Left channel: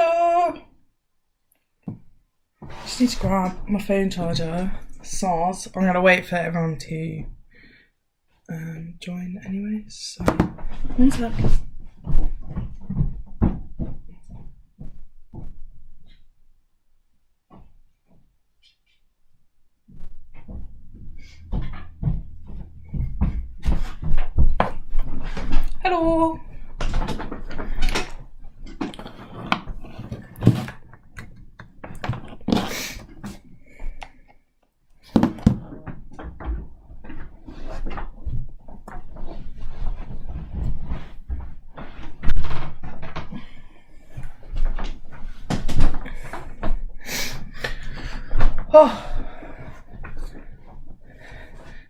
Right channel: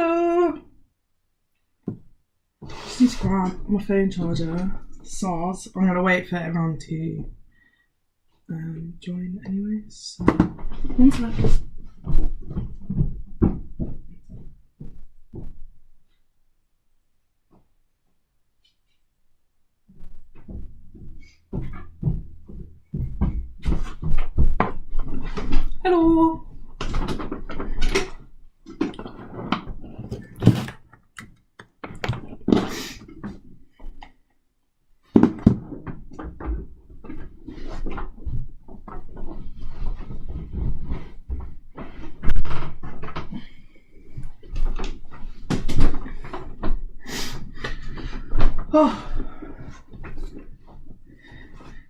Hello. Just need to grab my phone charger. SARS. I'm gonna wait for everyone to join anyway. So one sec. Hello. Oh,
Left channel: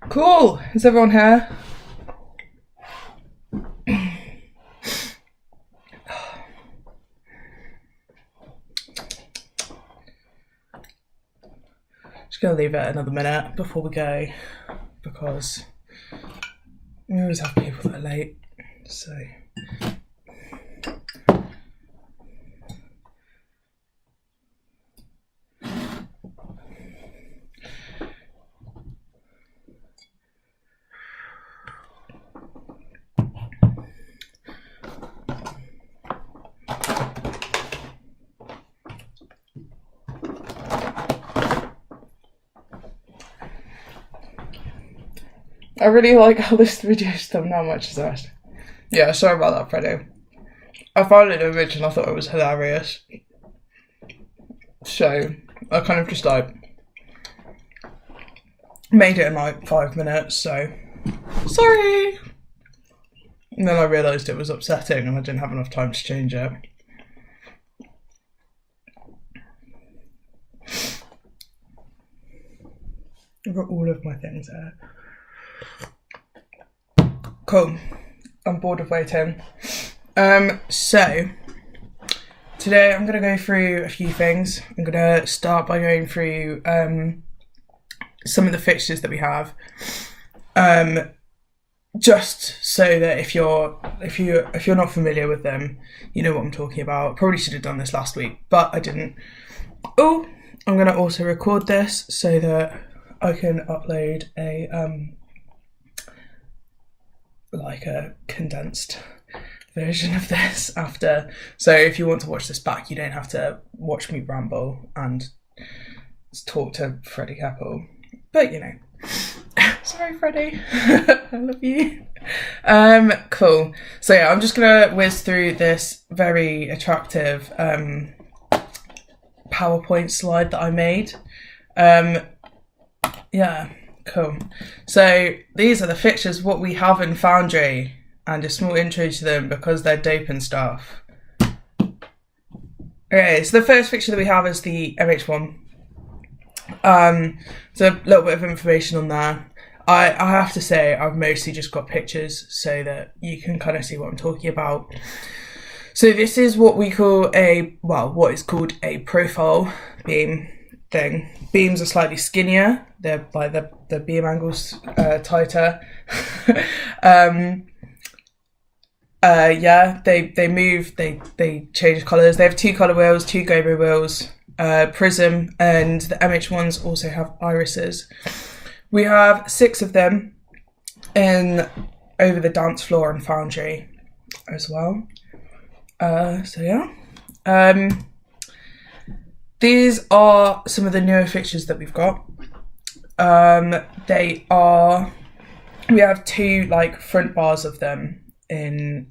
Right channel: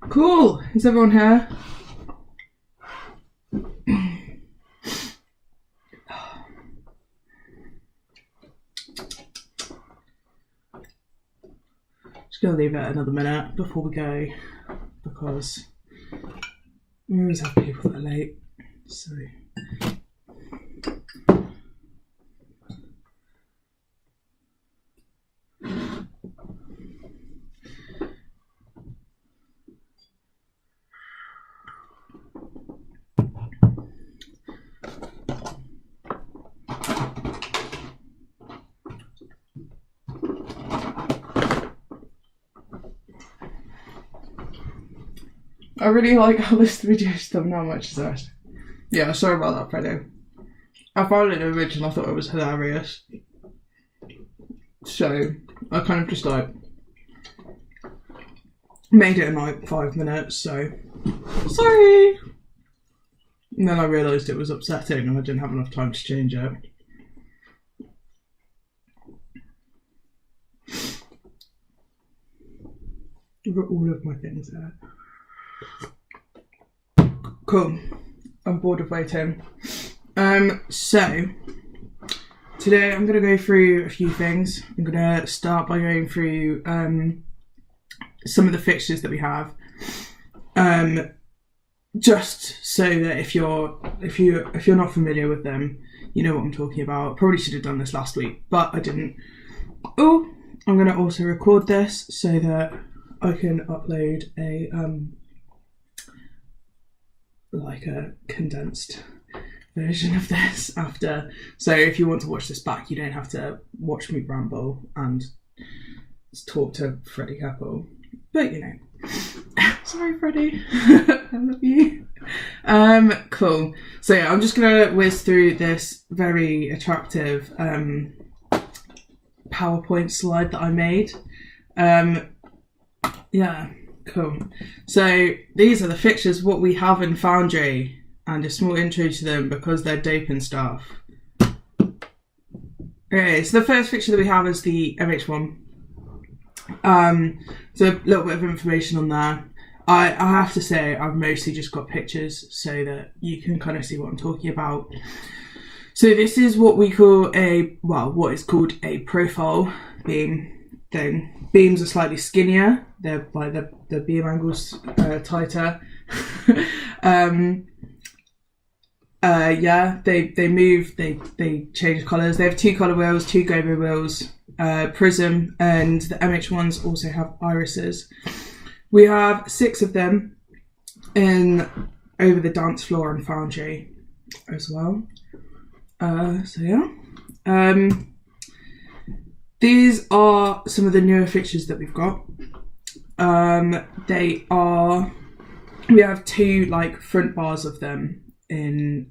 cool. Is everyone here? Just gonna leave it another minute before we go because we always have people that are late. So. I really like how this video's done that much as that. Yeah, sorry about that, Freddie. I found it original, I thought it was hilarious. So, I kind of just like made it in like 5 minutes, so sorry! And then I realised it was upsetting and I didn't have enough time to change it. I've got all of my things there. Cool. I'm bored of waiting. So today I'm gonna go through a few things. I'm gonna start by going through some of the fixtures that we have. Just so that if you're not familiar with them, you know what I'm talking about. Probably should have done this last week, but I didn't. Oh, I'm gonna also record this so that I can upload a like a condensed version of this after. So if you want to watch this back, you don't have to watch me ramble and talk to Freddie Keppel. But you know, sorry Freddie, I love you. Cool. So yeah, I'm just gonna whiz through this very attractive PowerPoint slide that I made. Yeah. Cool. So these are the fixtures, what we have in Foundry, and a small intro to them because they're dope and stuff. Okay, so the first fixture that we have is the MH1. So a little bit of information on there. I have to say I've mostly just got pictures so that you can kind of see what I'm talking about. So this is what we call what is called a profile beam thing. Beams are slightly skinnier. They're like the beam angle's tighter. Yeah, they move. They change colours. They have 2 colour wheels, 2 gobo wheels, prism, and the MH1s also have irises. We have 6 of them over the dance floor and Foundry as well. So yeah. These are some of the newer fixtures that we've got. We have 2 like front bars of them in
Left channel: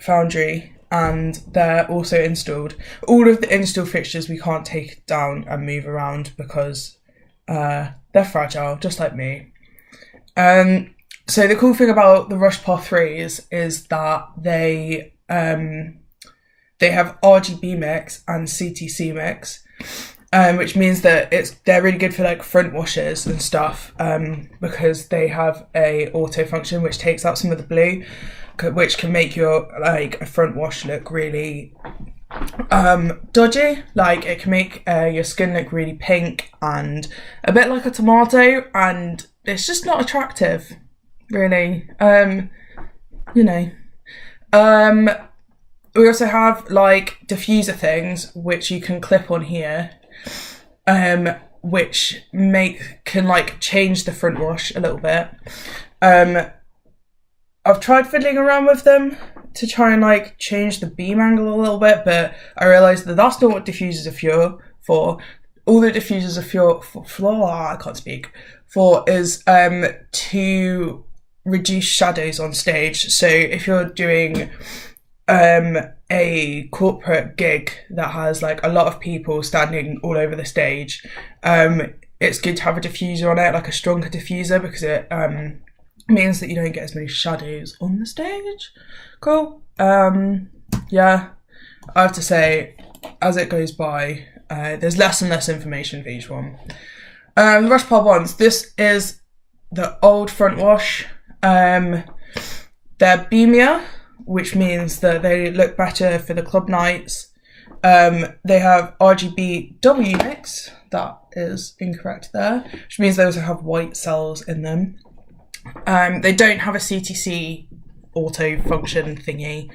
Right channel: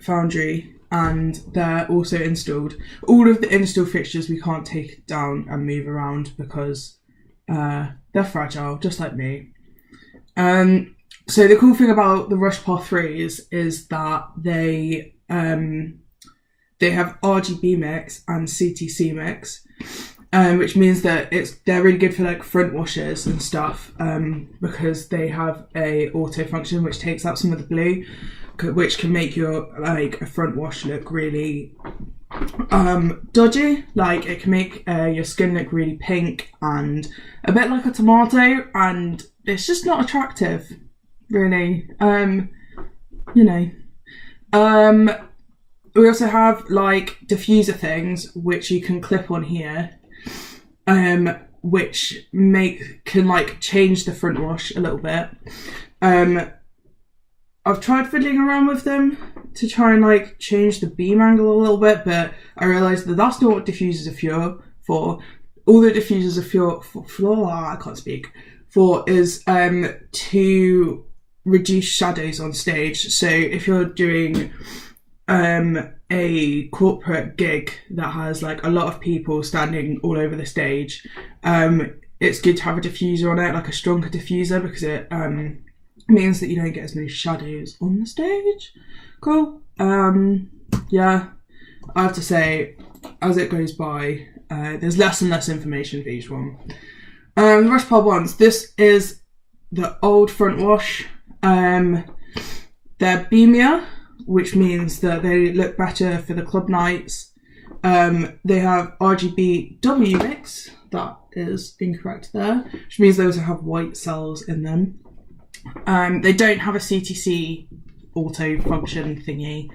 Foundry, and they're also installed. All of the install fixtures we can't take down and move around because they're fragile, just like me. So the cool thing about the Rush Par 3s is that they have RGB mix and CTC mix, which means that they're really good for like front washers and stuff, because they have a auto function which takes out some of the blue, which can make your like a front wash look really dodgy. Like it can make your skin look really pink and a bit like a tomato, and it's just not attractive, really. You know. we also have like diffuser things which you can clip on here, which can like change the front wash a little bit. I've tried fiddling around with them to try and like change the beam angle a little bit, but I realised that that's not what diffusers are for. All the diffusers are is to reduce shadows on stage. So if you're doing a corporate gig that has like a lot of people standing all over the stage, it's good to have a diffuser on it, like a stronger diffuser, because it means that you don't get as many shadows on the stage. Cool. Yeah, I have to say, as it goes by, there's less and less information for each one. The Rush Pile ones. This is the old front wash. They're beamier, which means that they look better for the club nights. They have RGB W mix. That is incorrect there, which means they also have white cells in them. They don't have a CTC auto function thingy,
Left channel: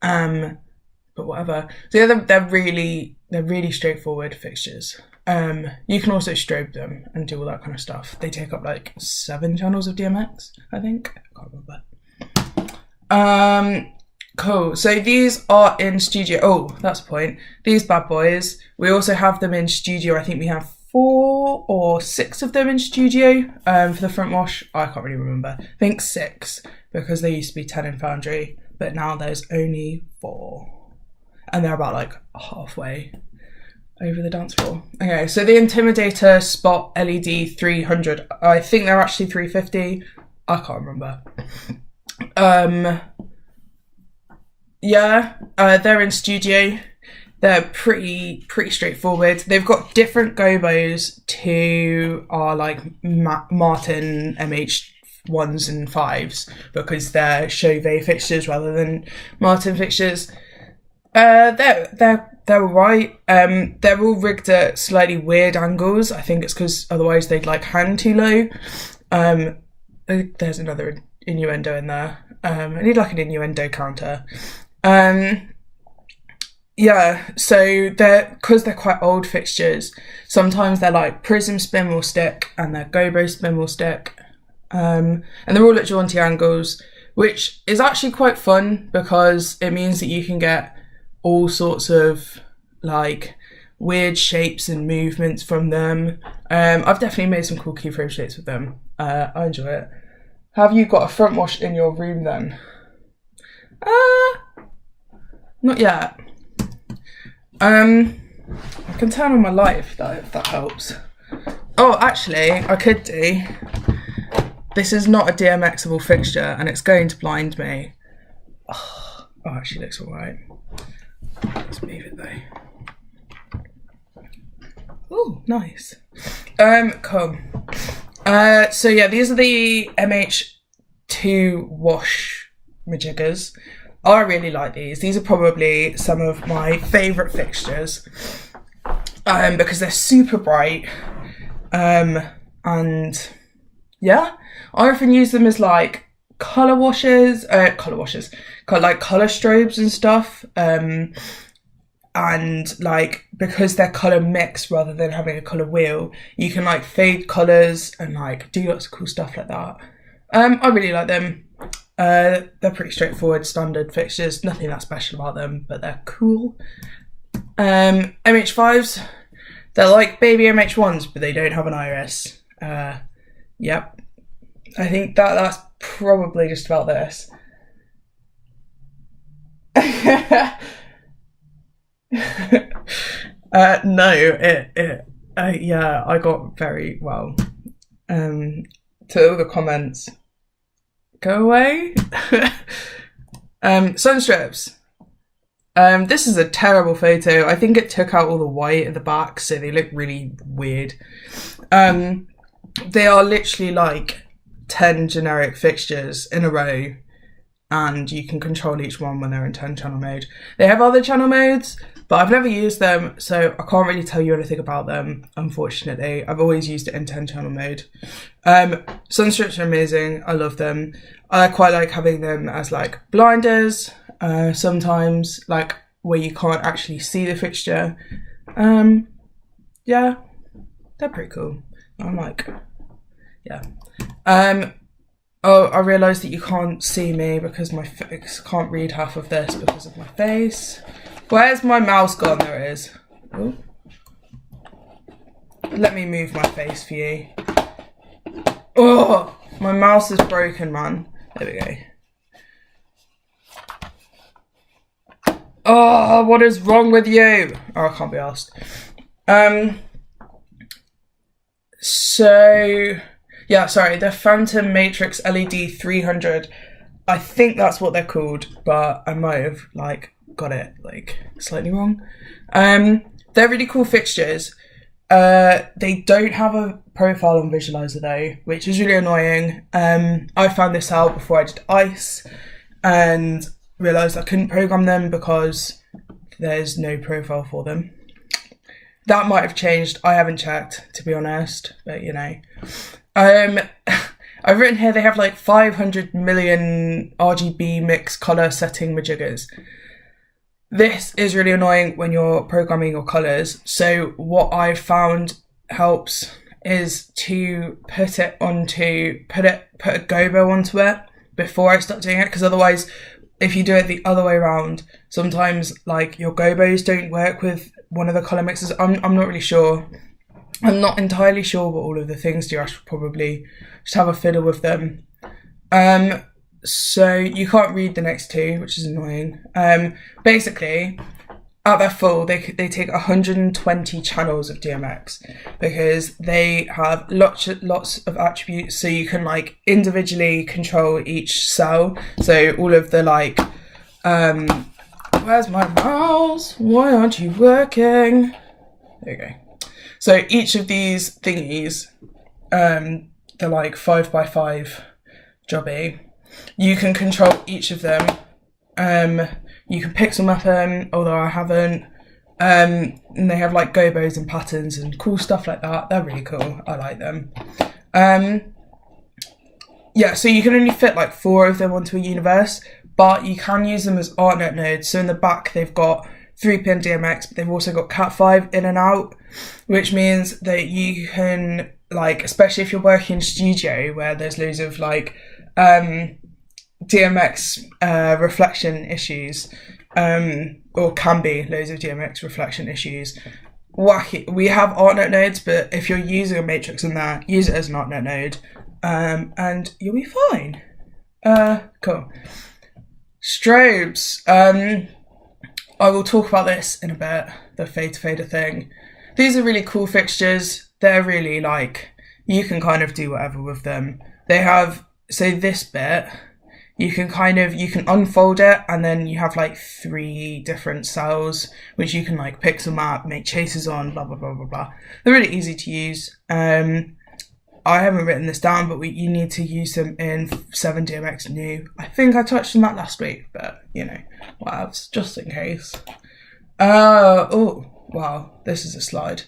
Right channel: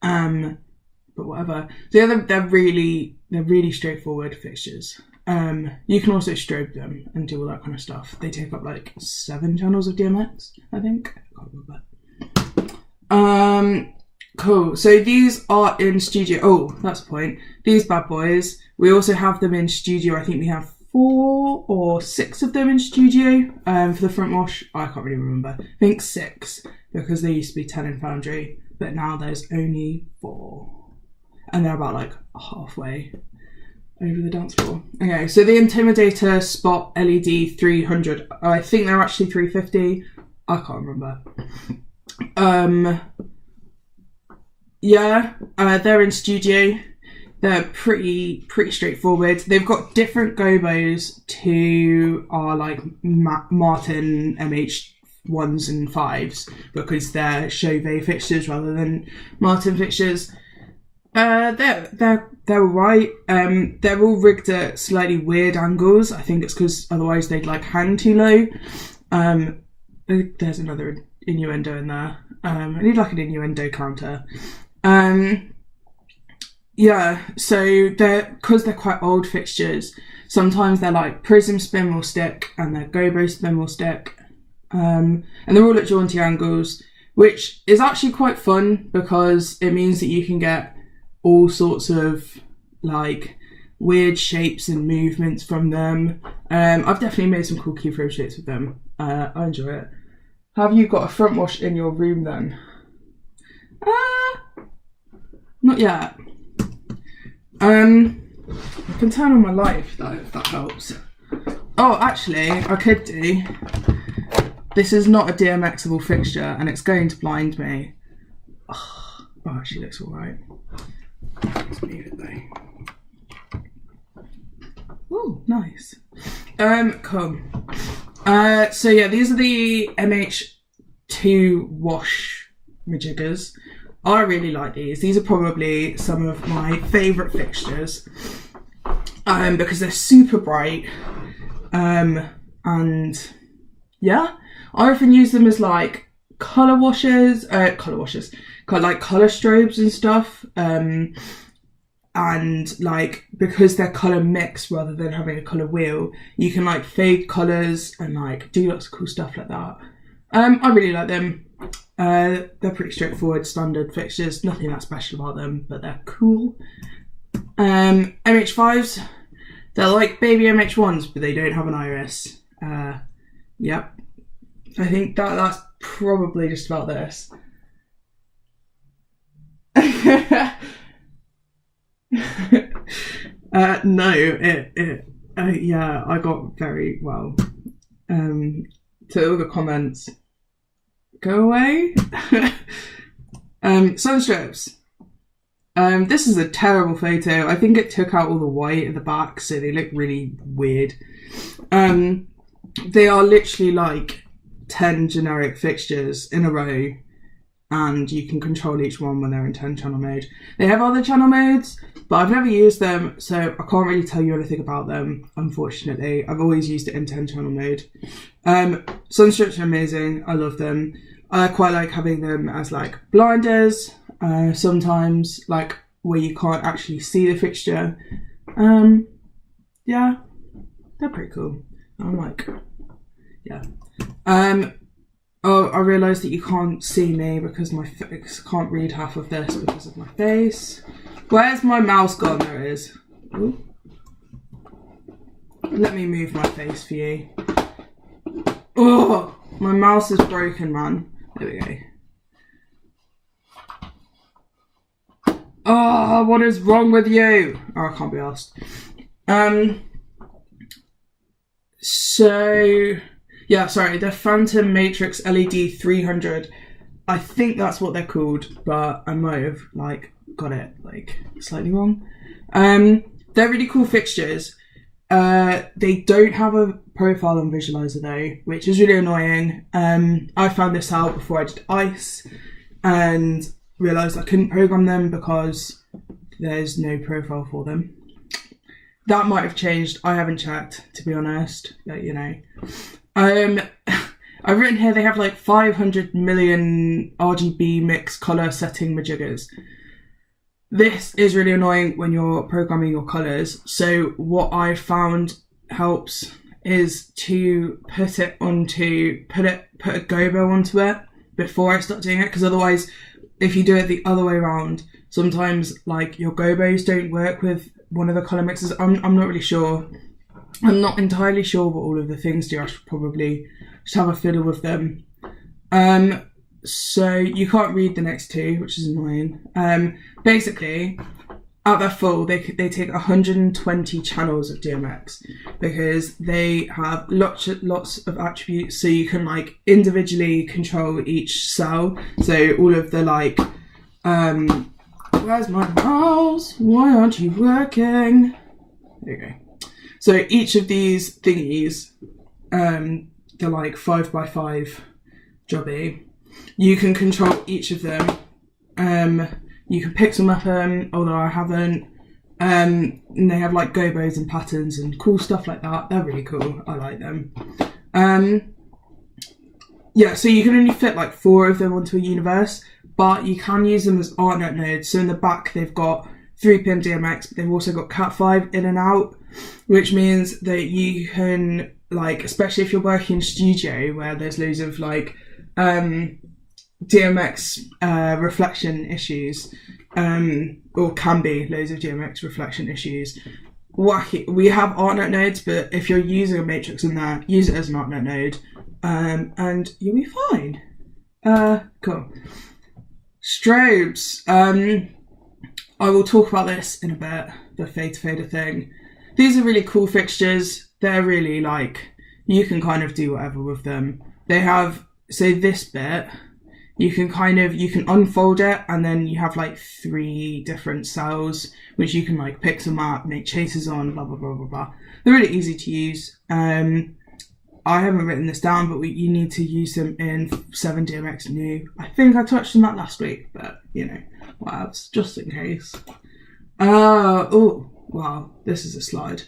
but whatever. So yeah, they're really straightforward fixtures. You can also strobe them and do all that kind of stuff. They take up like 7 channels of DMX, I think. I can't remember. Cool. So these are in studio. Oh, that's a point. These bad boys. We also have them in studio. I think we have 4 or 6 of them in studio. For the front wash, I can't really remember. I think 6, because there used to be 10 in Foundry, but now there's only 4. And they're about like halfway over the dance floor. Okay, so the Intimidator Spot LED 300. I think they're actually 350. I can't remember. Yeah, they're in studio. They're pretty straightforward. They've got different gobos to our like Martin MH1s and 5s, because they're Chauvet fixtures rather than Martin fixtures. They're alright. They're all rigged at slightly weird angles. I think it's because otherwise they'd like hang too low. There's another innuendo in there. I need like an innuendo counter. Yeah, so because they're quite old fixtures, sometimes they're like prism spin will stick and their gobo spin will stick. And they're all at jaunty angles, which is actually quite fun because it means that you can get all sorts of like weird shapes and movements from them. I've definitely made some cool keyframe shapes with them. I enjoy it. Have you got a front wash in your room then? Not yet. I can turn on my light if that helps. Oh, actually, I could do. This is not a DMXable fixture and it's going to blind me. Oh, actually looks alright. Let's move it though. Oh, nice. Cool. So yeah, these are the MH2 wash majiggers. I really like these. These are probably some of my favourite fixtures because they're super bright. And yeah, I often use them as like colour washes, like colour strobes and stuff. And like, because they're colour mix rather than having a colour wheel, you can like fade colours and like do lots of cool stuff like that. I really like them. They're pretty straightforward, standard fixtures, nothing that special about them, but they're cool. MH5s, they're like baby MH1s, but they don't have an iris. Yep. I think that's probably just about this. No, yeah, I got very well. To all the comments, go away. Sunstrips. This is a terrible photo. I think it took out all the white at the back, so they look really weird. They are literally like 10 generic fixtures in a row, and you can control each one when they're in 10 channel mode. They have other channel modes, but I've never used them, so I can't really tell you anything about them, unfortunately. I've always used it in 10 channel mode. Sunstrips are amazing. I love them. I quite like having them as like blinders. sometimes, like where you can't actually see the fixture. Yeah, they're pretty cool. I'm like, yeah. Oh, I realised that you can't see me because my face can't read half of this because of my face. Where's my mouse gone? There it is. Ooh. Let me move my face for you. Oh, my mouse is broken, man. There we go. Oh, what is wrong with you? Oh, I can't be asked. So, yeah, sorry, the Phantom Matrix LED 300. I think that's what they're called, but I might have, like, got it, like, slightly wrong. They're really cool fixtures. They don't have a profile on Visualizer though, which is really annoying. I found this out before I did ICE and realised I couldn't program them because there's no profile for them. That might have changed. I haven't checked, to be honest, but you know. I've written here they have like 500 million RGB mix colour setting majiggers. This is really annoying when you're programming your colours. So what I found helps is to put a gobo onto it before I start doing it, because otherwise if you do it the other way around, sometimes like your gobos don't work with one of the colour mixes. I'm not really sure. I'm not entirely sure what all of the things do. I should probably just have a fiddle with them. So you can't read the next two, which is annoying. Basically, at their full, they take 120 channels of DMX because they have lots of attributes, so you can like individually control each cell. So all of the like, where's my mouse? Why aren't you working? There you go. So each of these thingies, they're like 5x5 jobby. You can control each of them. You can pixel map them, although I haven't. And they have like gobos and patterns and cool stuff like that. They're really cool. I like them. Yeah, so you can only fit like 4 of them onto a universe, but you can use them as ArtNet nodes. So in the back, they've got 3-pin DMX, but they've also got Cat5 in and out, which means that you can, like, especially if you're working in studio where there's loads of like DMX reflection issues, or can be loads of DMX reflection issues. Wacky. We have ArtNet nodes, but if you're using a matrix in there, use it as an ArtNet node, and you'll be fine. Cool. Strobes. I will talk about this in a bit, the fader thing. These are really cool fixtures. They're really like, you can kind of do whatever with them. They have, so this bit, you can unfold it, and then you have like 3 different cells, which you can like pixel map, make chases on, blah, blah, blah, blah, blah. They're really easy to use. I haven't written this down, but you need to use them in 7DMX new. I think I touched on that last week, but you know, what else, just in case. Oh, wow, this is a slide.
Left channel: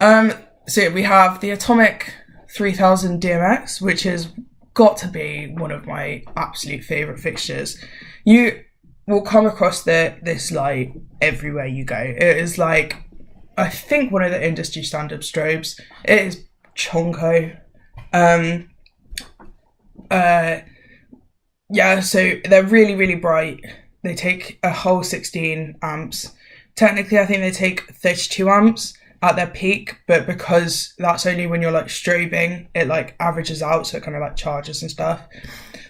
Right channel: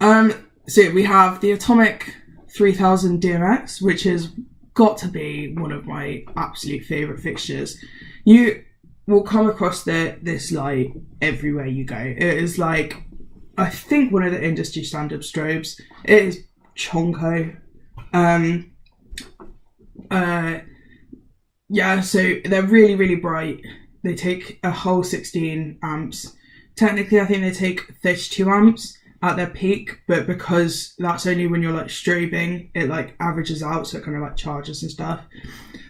So we have the Atomic 3000 DMX, which has got to be one of my absolute favourite fixtures. You will come across this like everywhere you go. It is like, I think, one of the industry standard strobes. It is chonko. Yeah, so they're really, really bright. They take a whole 16 amps. Technically, I think they take 32 amps at their peak, but because that's only when you're like strobing, it like averages out, so it kind of like charges and stuff.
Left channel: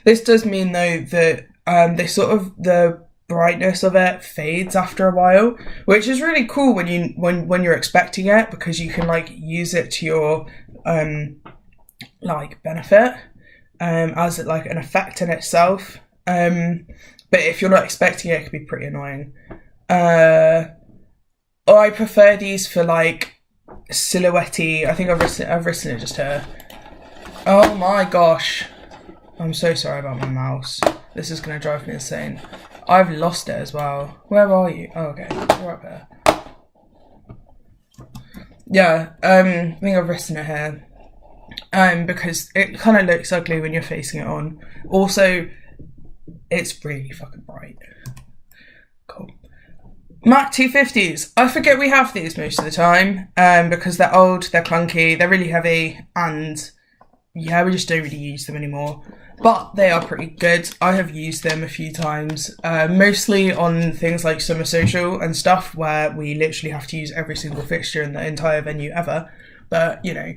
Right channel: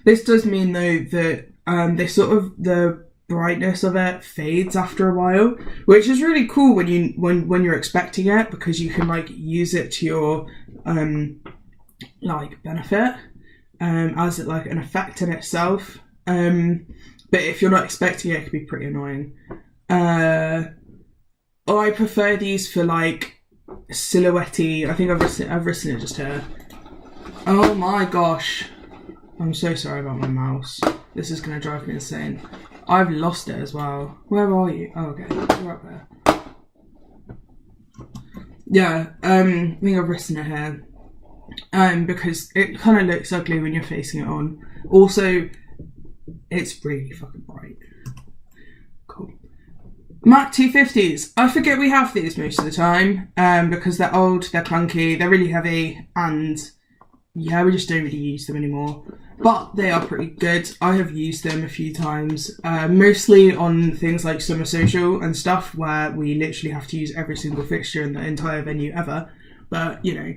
This does mean though that the brightness of it fades after a while, which is really cool when you're expecting it, because you can like use it to your like benefit as like an effect in itself. But if you're not expecting it, it can be pretty annoying. I prefer these for like silhouette-y. I think I've written it just here. Oh my gosh. I'm so sorry about my mouse. This is going to drive me insane. I've lost it as well. Where are you? Oh, okay. You're up here. Yeah, I think I've written it here. Because it kind of looks ugly when you're facing it on. Also, it's really fucking bright. Mac 250s. I forget we have these most of the time because they're old, they're clunky, they're really heavy, and yeah, we just don't really use them anymore. But they are pretty good. I have used them a few times, mostly on things like summer social and stuff where we literally have to use every single fixture in the entire venue ever. But, you know,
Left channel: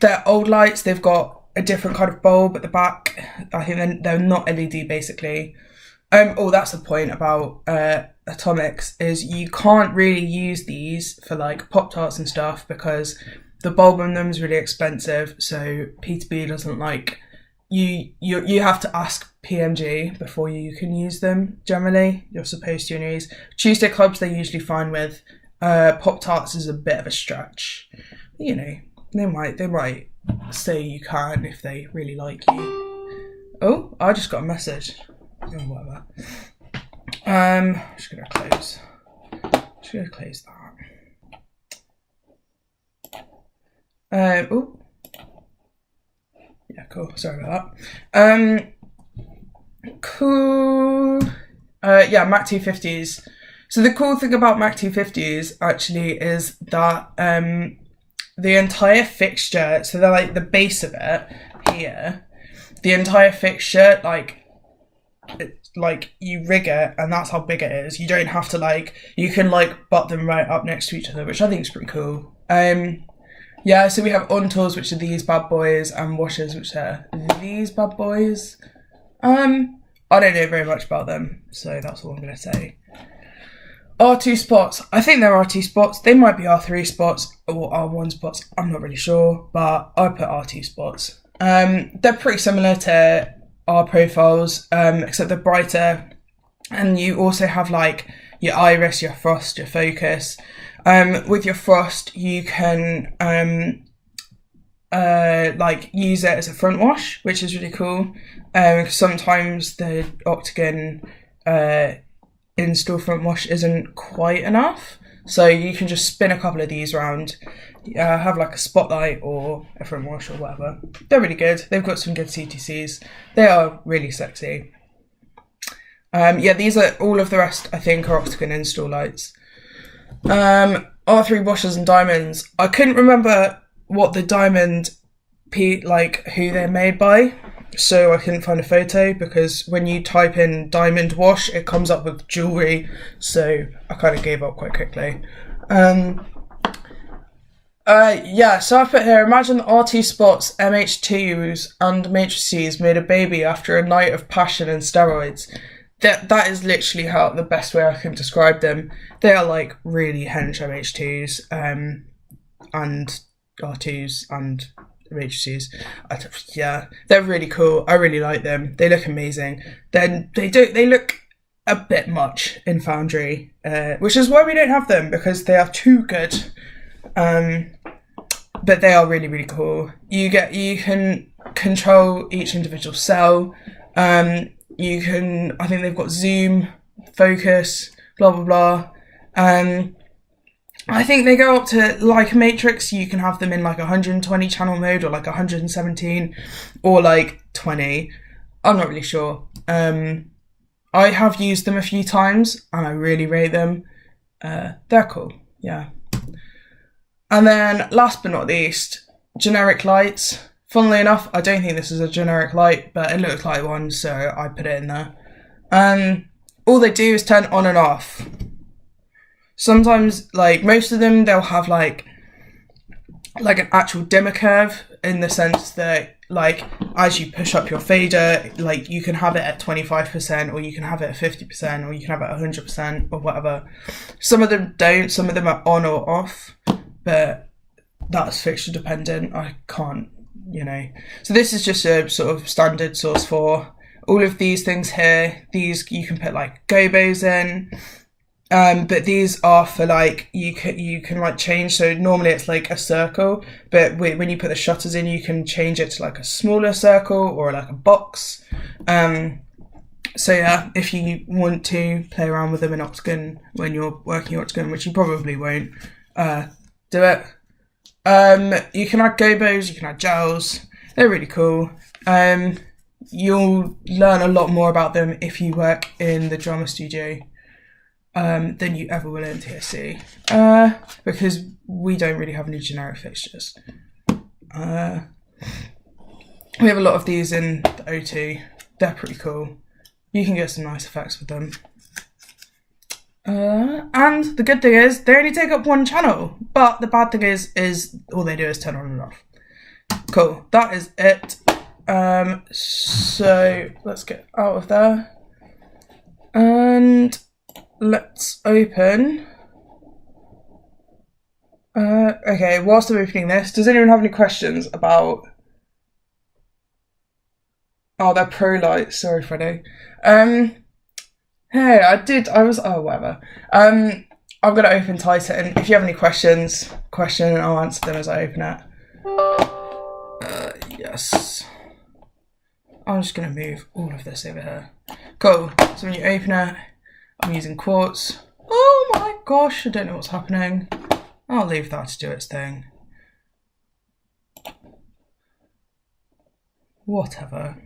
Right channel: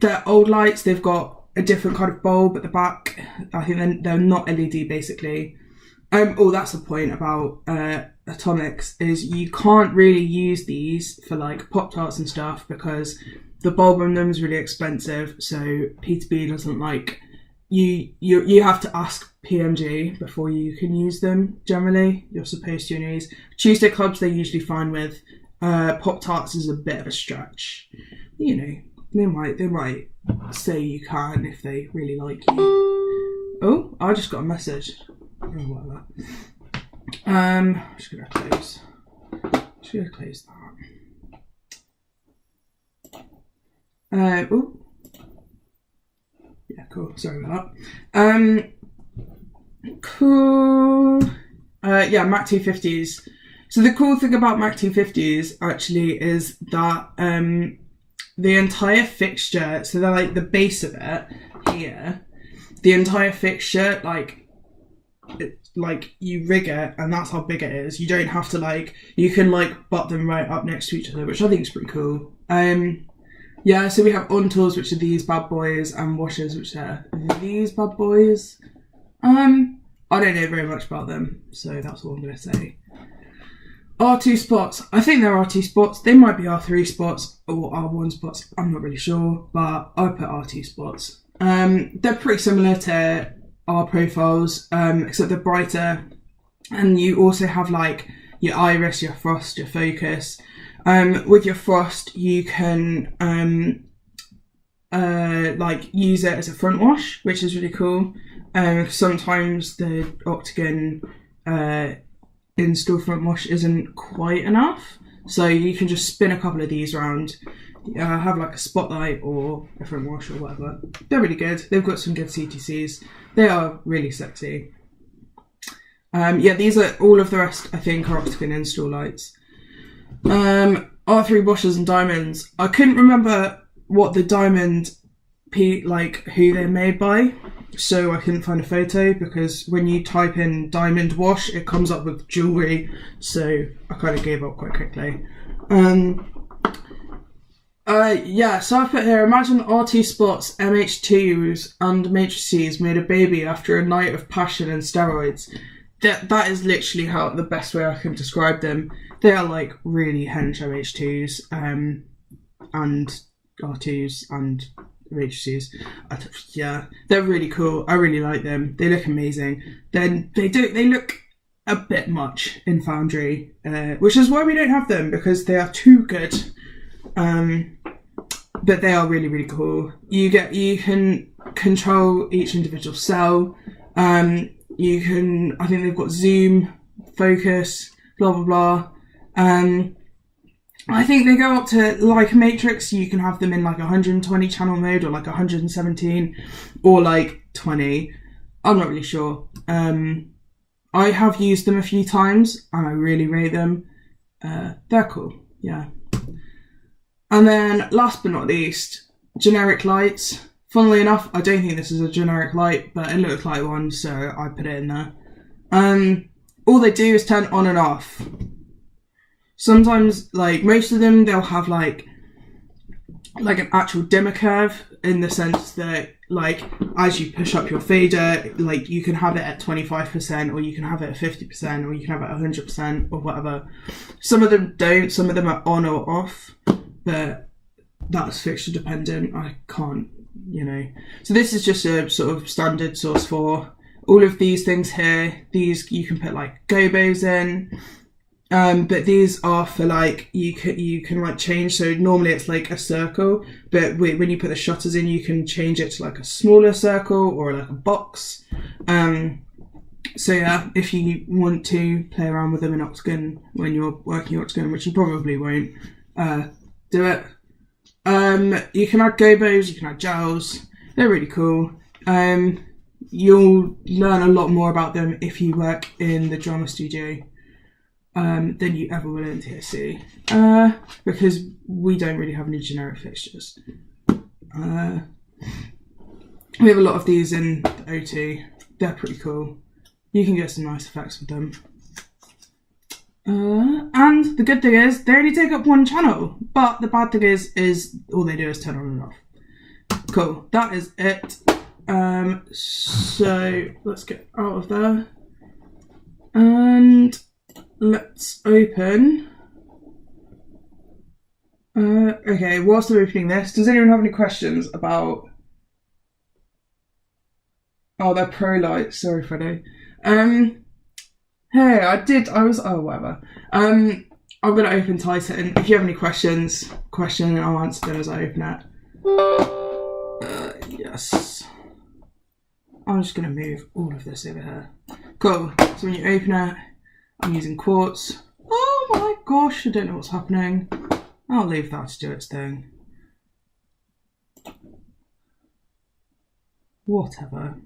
they're old lights. They've got a different kind of bulb at the back. I think they're not LED, basically. That's the point about Atomics, is you can't really use these for like Pop-Tarts and stuff because the bulb on them is really expensive, so P2B doesn't like you have to ask PMG before you can use them. Generally, you're supposed to use Tuesday clubs. They're usually fine with. Pop-Tarts is a bit of a stretch. You know, they might say you can if they really like you. Oh, I just got a message. Oh, whatever. Just gonna close that. Oh, yeah, cool. Sorry about that. Cool. Yeah, Mac 250s. So the cool thing about Mac 250s actually is that the entire fixture, so they're like the base of it here, the entire fixture, like you rig it and that's how big it is. You don't have to you can butt them right up next to each other, which I think is pretty cool. Yeah, so we have on-tools, which are these bad boys, and washers, which are these bad boys. I don't know very much about them, so that's all I'm going to say. R2 spots. I think they're R2 spots. They might be R3 spots or R1 spots. I'm not really sure, but I put R2 spots. They're pretty similar to R profiles, except they're brighter. And you also have your iris, your frost, your focus. With your frost, you can use it as a front wash, which is really cool. Sometimes the Octagon install front wash isn't quite enough, so you can just spin a couple of these around, have a spotlight or a front wash or whatever. They're really good. They've got some good CTCs. They are really sexy. These are all of the rest. I think are Octagon install lights. R3 washers and diamonds. I couldn't remember what the diamond who they're made by, so I couldn't find a photo, because when you type in diamond wash it comes up with jewellery, so I kind of gave up quite quickly. So I put here, imagine R2 spots, MH2s and matrices made a baby after a night of passion and steroids. That is literally the best way I can describe them. They are really hench MH2s and R2s and matrices. They're really cool. I really like them. They look amazing. Then they look a bit much in Foundry, which is why we don't have them, because they are too good. But they are really, really cool. You can control each individual cell. I think they've got zoom, focus, blah blah blah. I think they go up to a matrix. You can have them in 120 channel mode, or 117, or 20. I'm not really sure. I have used them a few times and I really rate them. They're cool, yeah. And then last but not least, generic lights. Funnily enough, I don't think this is a generic light, but it looks like one, so I put it in there. All they do is turn on and off. Sometimes, most of them, they'll have an actual dimmer curve, in the sense that as you push up your fader, you can have it at 25%, or you can have it at 50%, or you can have it at 100%, or whatever. Some of them don't. Some of them are on or off, but that's fixture dependent. I can't, So this is just a sort of standard source for all of these things here. These you can put gobos in. But these are for you can change. So normally it's a circle, but when you put the shutters in, you can change it to a smaller circle or a box. So yeah, if you want to play around with them in Octagon when you're working Octagon, which you probably won't, do it. You can add gobos, you can add gels. They're really cool. You'll learn a lot more about them if you work in the drama studio. than you ever will in TSC, because we don't really have any generic fixtures. We have a lot of these in the O2. They're pretty cool. You can get some nice effects with them. And the good thing is they only take up one channel, but the bad thing is all they do is turn on and off. Cool, that is it. So let's get out of there and let's open. Okay, whilst I'm opening this, does anyone have any questions about... Oh, they're pro lights. Sorry, Freddie. Hey, oh, whatever. I'm going to open Titan. If you have any questions, and I'll answer them as I open it. Yes. I'm just going to move all of this over here. Cool. So when you open it, I'm using quartz. Oh my gosh, I don't know what's happening. I'll leave that to do its thing. Whatever.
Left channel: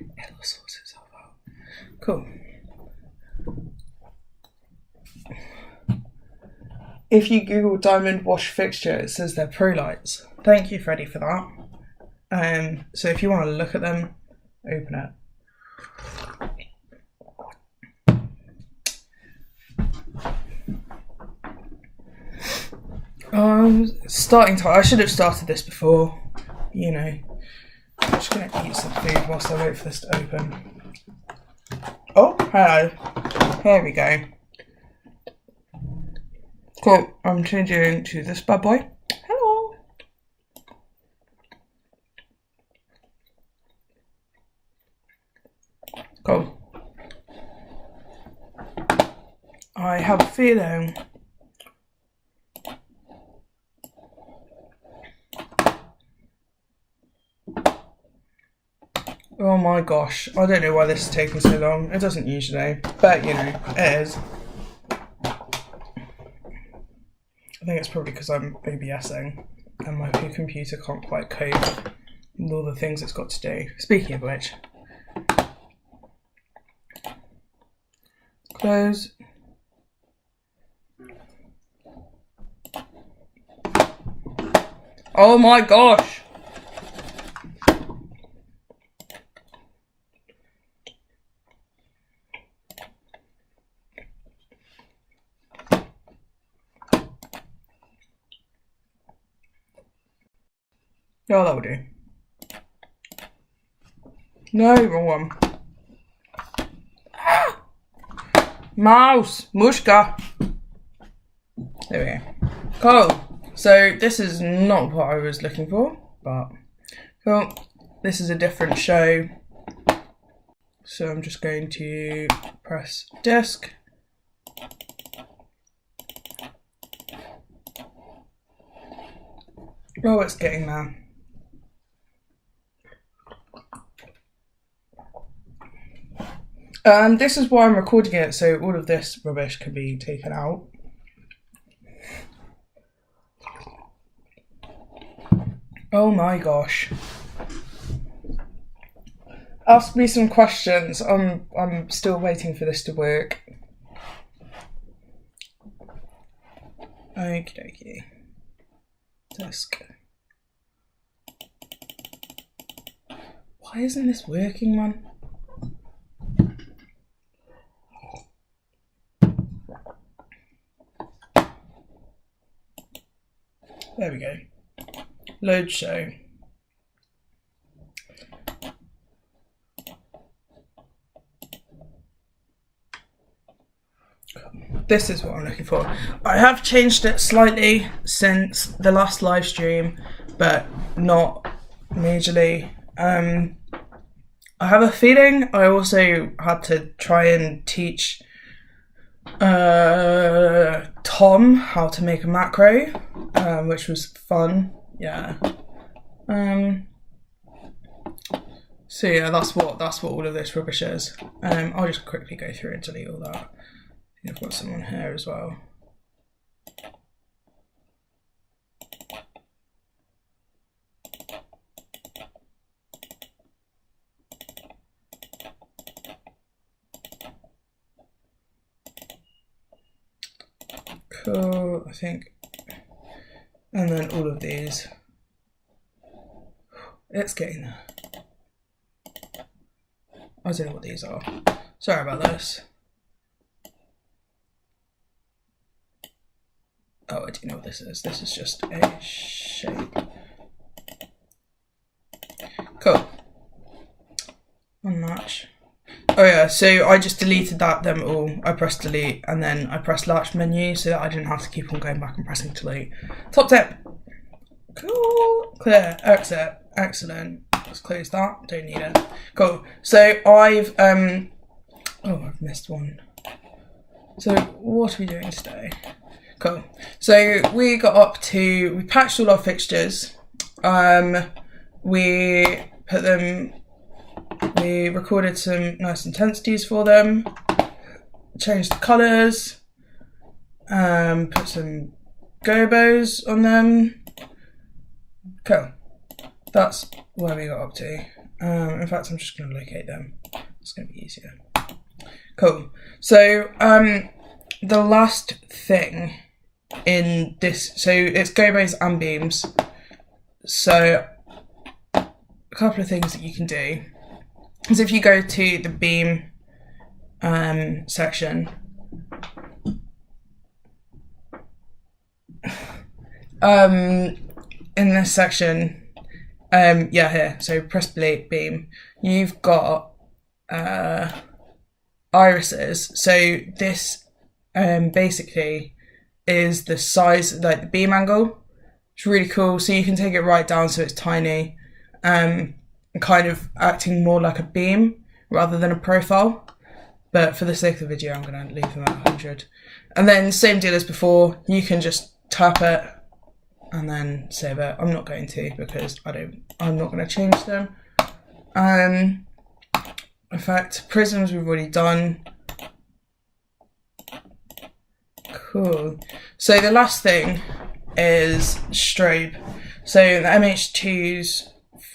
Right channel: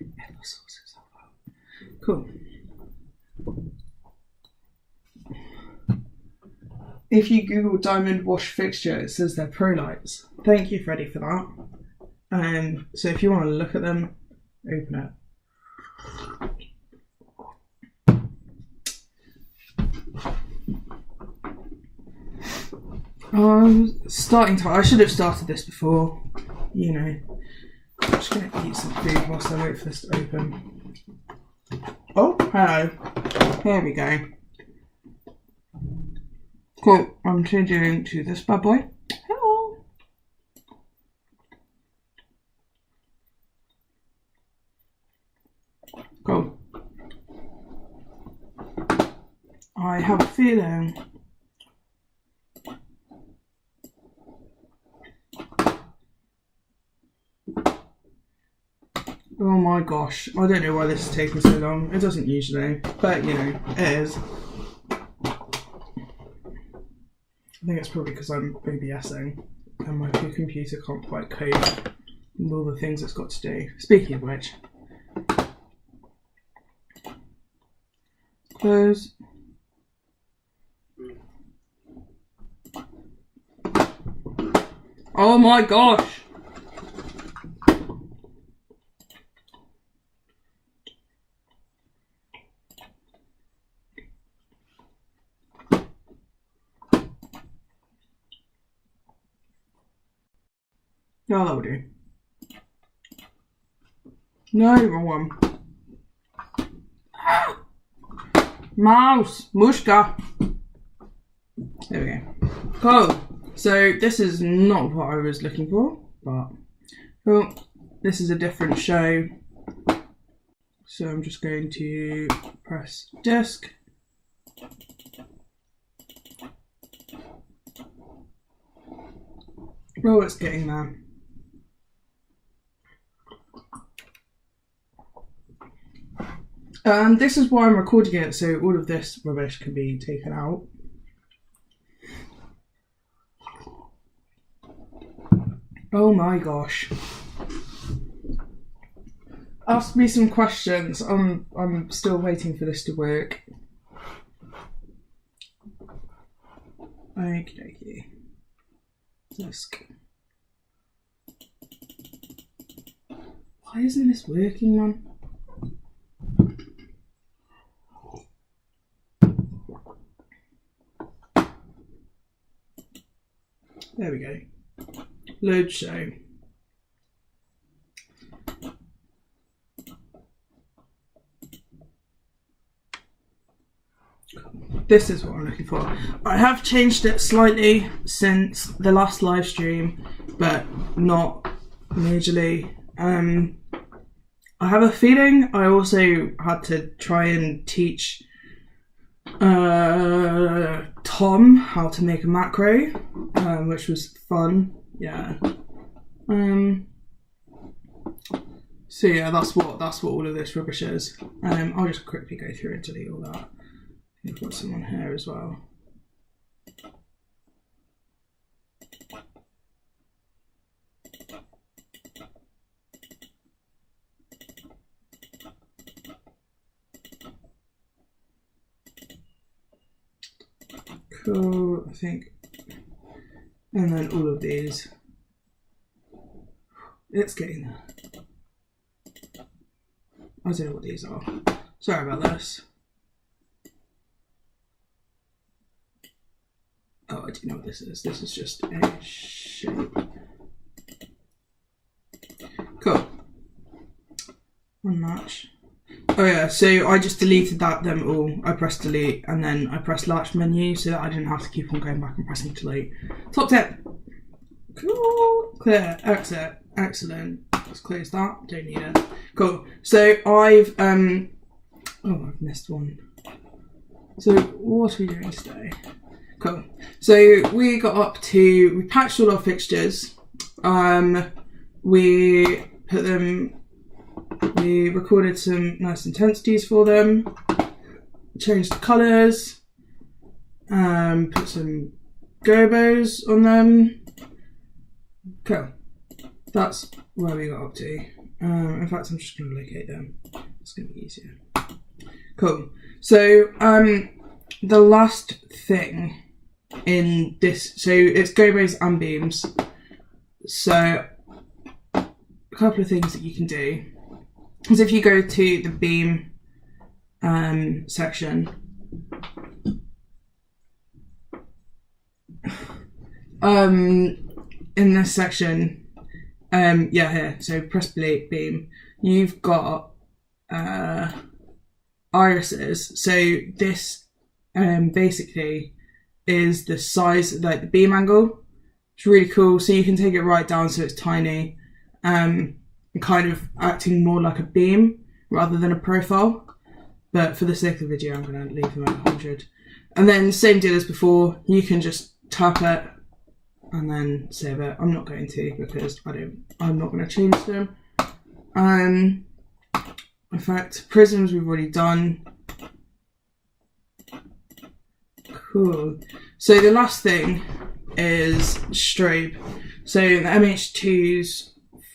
It'll sort itself out. Cool. If you Google diamond wash fixture, it says they're pro lights. Thank you, Freddie, for that. So if you want to look at them, open it. I should have started this before, you know. I'm just going to eat some food whilst I wait for this to open. Oh, hello. Here we go. Cool, I'm changing to this bad boy. Hello. Cool. I have a feeling oh my gosh, I don't know why this is taking so long. It doesn't usually, but you know, it is. I think it's probably because I'm OBSing and my computer can't quite cope with all the things it's got to do. Speaking of which, close. Oh my gosh! Oh, that'll do. No, wrong one. Ah! Mouse! Mushka! There we go. Cool. So this is not what I was looking for, but cool. This is a different show. So I'm just going to press disk. Oh, it's getting there. This is why I'm recording it, so all of this rubbish can be taken out. Oh my gosh. Ask me some questions. I'm still waiting for this to work. Okie dokie. Disk. Why isn't this working, man? There we go. Load show. This is what I'm looking for. I have changed it slightly since the last live stream, but not majorly. I have a feeling I also had to try and teach Tom how to make a macro, which was fun. Yeah. So yeah, that's what all of this rubbish is. I'll just quickly go through and delete all that. I've got some on here as well. Cool, I think. And then all of these. It's getting there. I don't know what these are. Sorry about this. Oh, I do know what this is. This is just a shape. Cool. Unlatch. Oh yeah, so I just deleted them all. I pressed delete and then I pressed latch menu so that I didn't have to keep on going back and pressing delete. Top tip. Cool. Clear. Exit. Excellent. Let's close that. Don't need it. Cool. So I've missed one. So what are we doing today? Cool. So we patched all our fixtures. We recorded some nice intensities for them, changed the colours, put some gobos on them. Cool. That's where we got up to. In fact, I'm just going to locate them. It's going to be easier. Cool. So the last thing in this, so it's gobos and beams. So a couple of things that you can do is if you go to the beam section, in this section, here, so press beam, you've got irises. So this basically is the size, like the beam angle. It's really cool. So you can take it right down so it's tiny, kind of acting more like a beam rather than a profile. But for the sake of the video, I'm going to leave them at 100. And then same deal as before, you can just tap it and then save it. I'm not going to because I'm not going to change them. In fact, prisms we've already done. Cool. So the last thing is strobe. So the MH2s,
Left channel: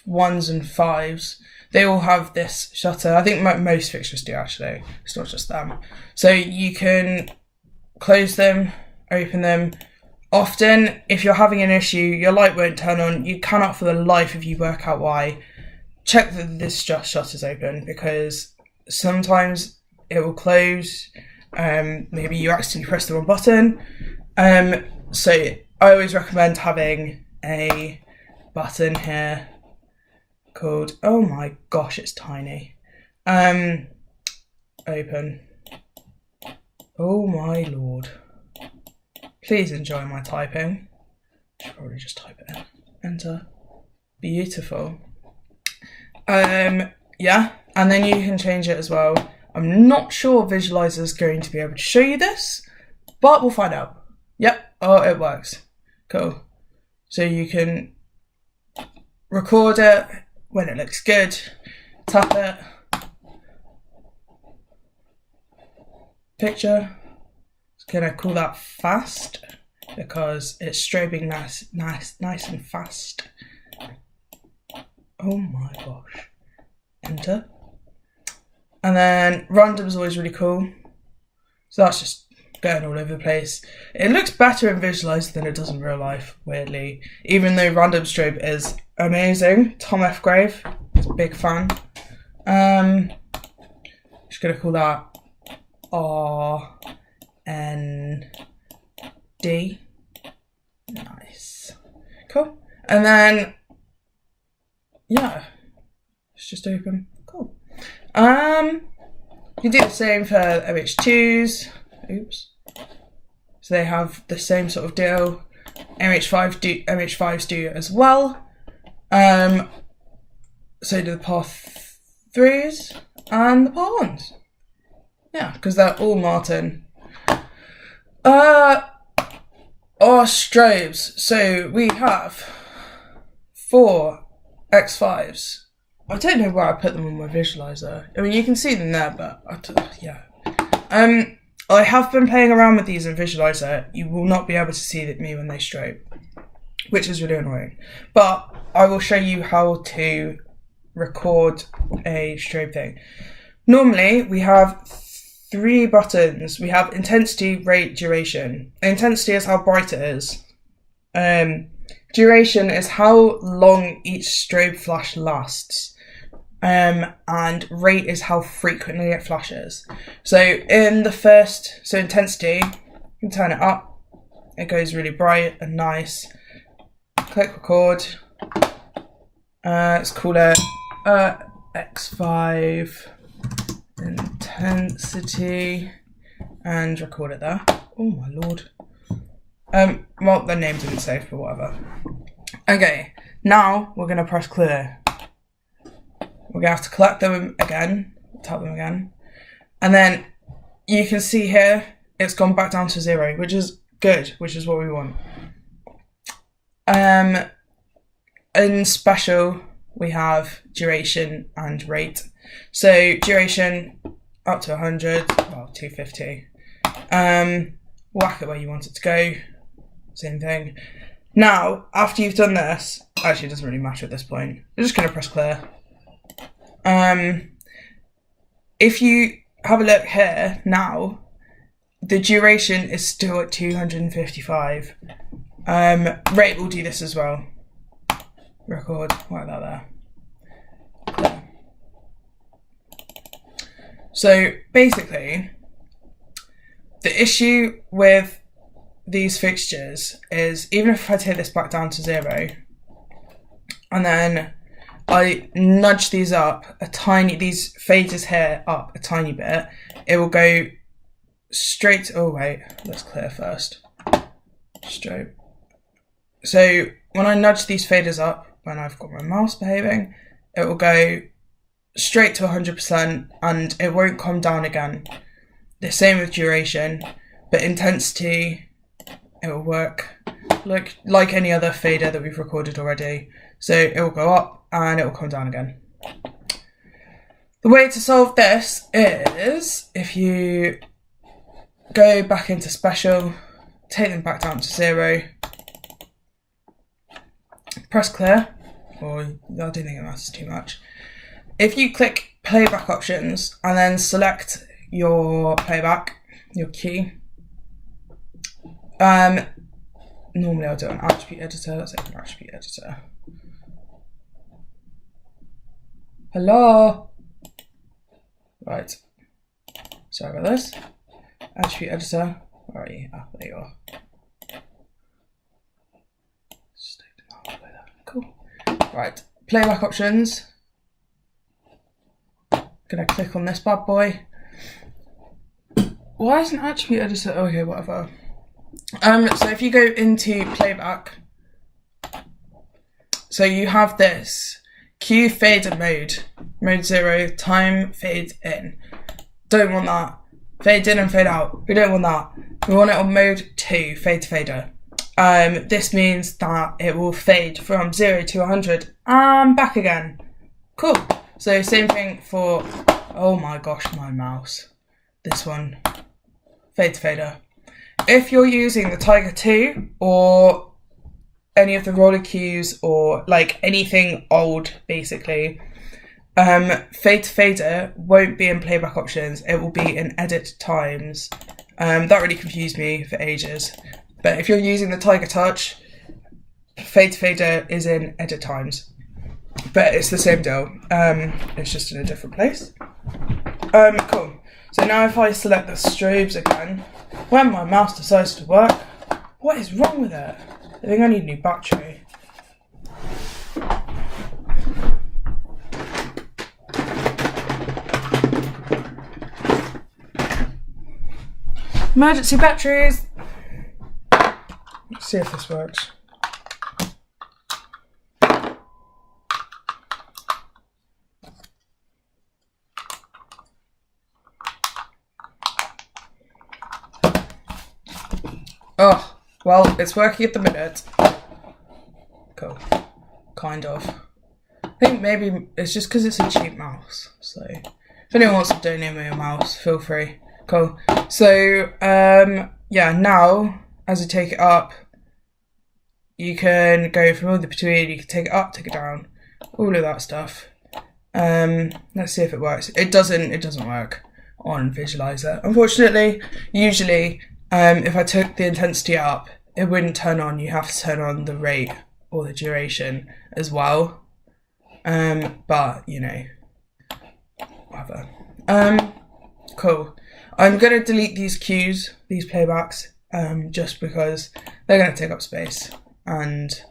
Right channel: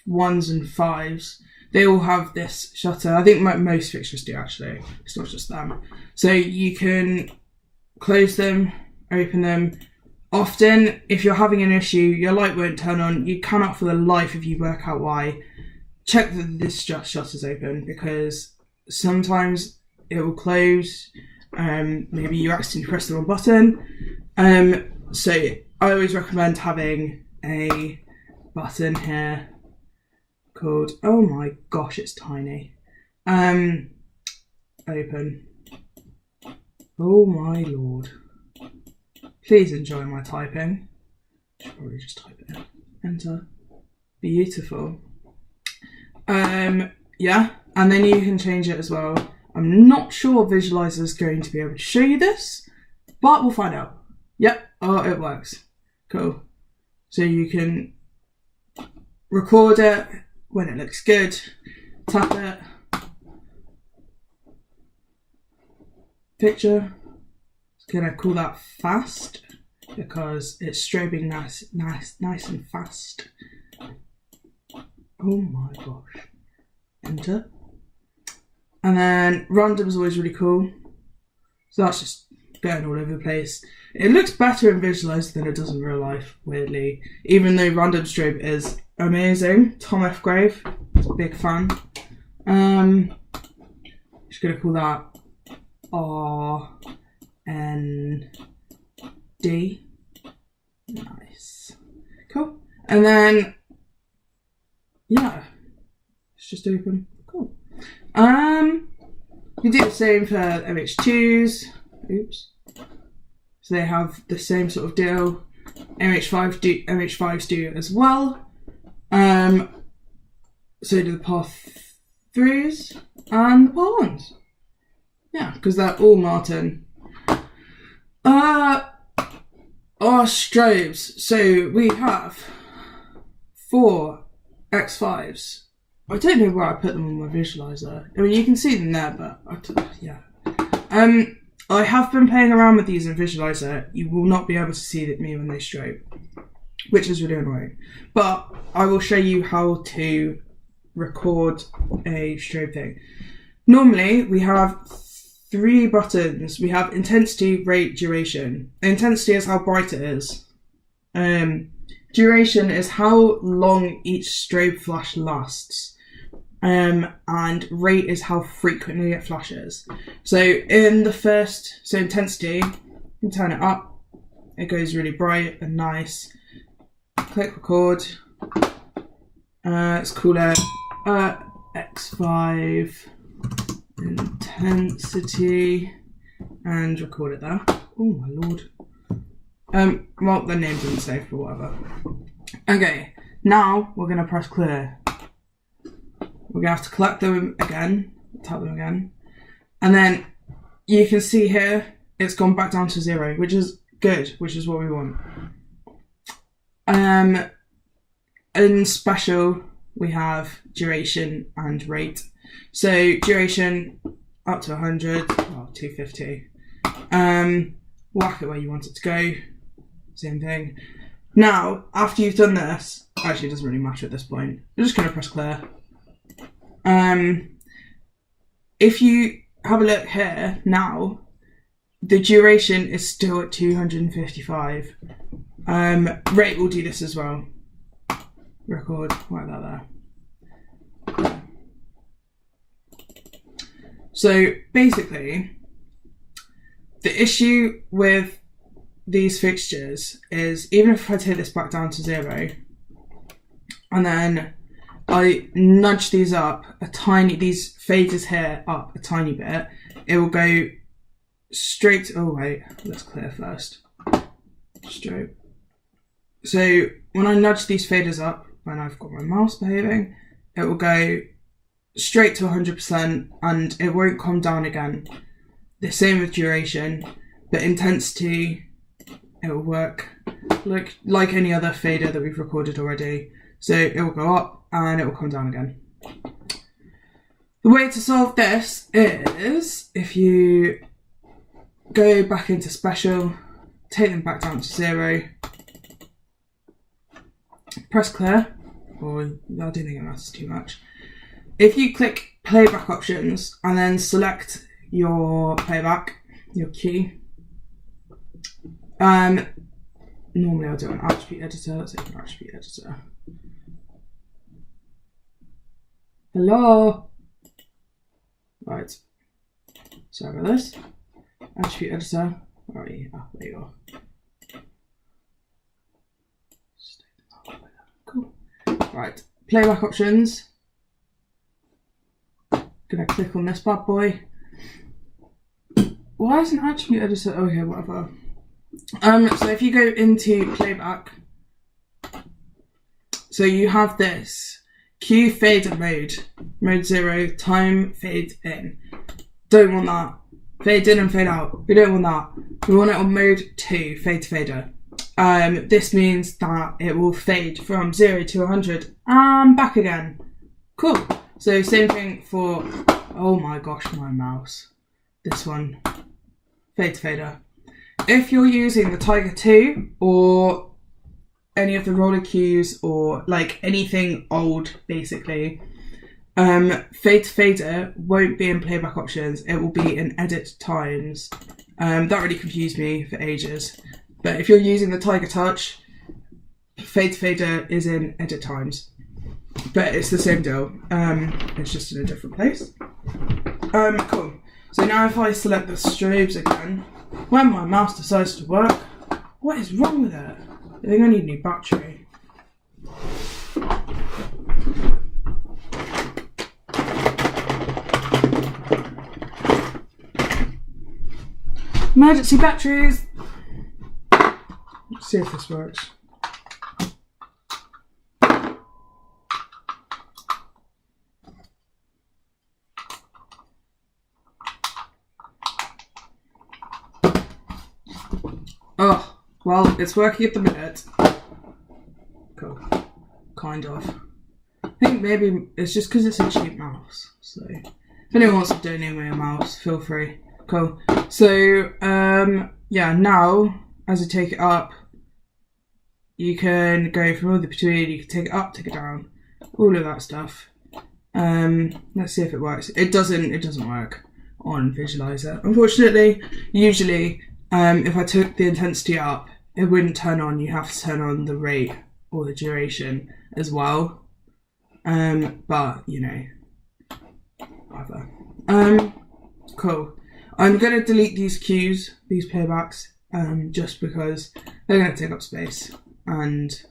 1s and 5s, they all have this shutter. I think most fixtures do actually. It's not just them. So you can close them, open them. Often, if you're having an issue, your light won't turn on. You cannot for the life of you work out why. Check that this shutter's open because sometimes it will close. Maybe you accidentally press the wrong button. So I always recommend having a button here called, oh my gosh, it's tiny. Open. Oh my lord. Please enjoy my typing. I should probably just type it in. Enter. Beautiful. Yeah, and then you can change it as well. I'm not sure Visualizer is going to be able to show you this, but we'll find out. Yep, oh, it works. Cool. So you can record it when it looks good, tap it, picture. It's gonna call that fast because it's strobing nice and fast. Oh my gosh. Enter. And then random is always really cool. So that's just going all over the place. It looks better in Visualizer than it does in real life, weirdly. Even though random strobe is amazing. Tom F. Grave, big fan. Just gonna call that RND. Nice. Cool. And then yeah, it's just open. Cool. You do the same for MH2s. Oops. So they have the same sort of deal. MH5s do as well. So do the Path 3s and the Path 1s. Yeah, because they're all Martin. Our strobes. So we have 4 X5s. I don't know where I put them on my Visualizer. I mean, you can see them there, but yeah. I have been playing around with these in Visualizer. You will not be able to see me when they strobe, which is really annoying. But I will show you how to record a strobe thing. Normally, we have 3 buttons. We have intensity, rate, duration. Intensity is how bright it is. Duration is how long each strobe flash lasts. And rate is how frequently it flashes. So intensity, you can turn it up. It goes really bright and nice. Click record. Let's call it X5 intensity and record it there. Oh my lord. Well, the name didn't save, but whatever. Okay, now we're gonna press clear. We're gonna have to collect them again, tap them again, and then you can see here it's gone back down to 0, which is good, which is what we want. In special, we have duration and rate. So duration up to 100, well 250. Whack it where you want it to go. Same thing. Now, after you've done this, actually it doesn't really matter at this point. We're just going to press clear. If you have a look here now, the duration is still at 255. Rate will do this as well. Record, like that there. So basically, the issue with these fixtures is even if I take this back down to 0 and then I nudge these up these faders here up a tiny bit, it will go straight. Oh wait, let's clear first. Strobe. So when I nudge these faders up, when I've got my mouse behaving, it will go straight to 100% and it won't come down again. The same with duration, but intensity, it will work like any other fader that we've recorded already. So it will go up and it will come down again. The way to solve this is if you go back into special, take them back down to 0, press clear, or I don't think it matters too much. If you click playback options and then select your playback, your key, normally I'll do an attribute editor. Let's open an attribute editor. Hello. Right. Sorry about this. Attribute editor. Where are you? Ah, there you are. Cool. Right. Playback options. Gonna click on this bad boy. Why isn't attribute editor? Okay, whatever. So if you go into playback, so you have this Q fader mode 0, time fade in. Don't want that. Fade in and fade out. We don't want that. We want it on mode 2, fade to fader. This means that it will fade from 0 to 100 and back again. Cool. So same thing for, oh my gosh, my mouse. This one, fade to fader. If you're using the Tiger 2 or any of the roller cues or like anything old, basically, fade to fader won't be in playback options. It will be in edit times. That really confused me for ages. But if you're using the Tiger Touch, fade to fader is in edit times. But it's the same deal. It's just in a different place. Cool. So now if I select the strobes again, when my mouse decides to work, what is wrong with it? I think I need a new battery. Emergency batteries. Let's see if this works. Oh, well, it's working at the minute. Cool. Kind of. I think maybe it's just because it's a cheap mouse. So, if anyone wants to donate me a mouse, feel free. Cool. So, yeah, now, as I take it up, you can go from all the between, you can take it up, take it down, all of that stuff. Let's see if it works. It doesn't work. on Visualizer. Unfortunately, usually if I took the intensity up, it wouldn't turn on. You have to turn on the rate or the duration as well. But you know, whatever. Cool. I'm gonna delete these cues, these playbacks, just because they're gonna take up space, and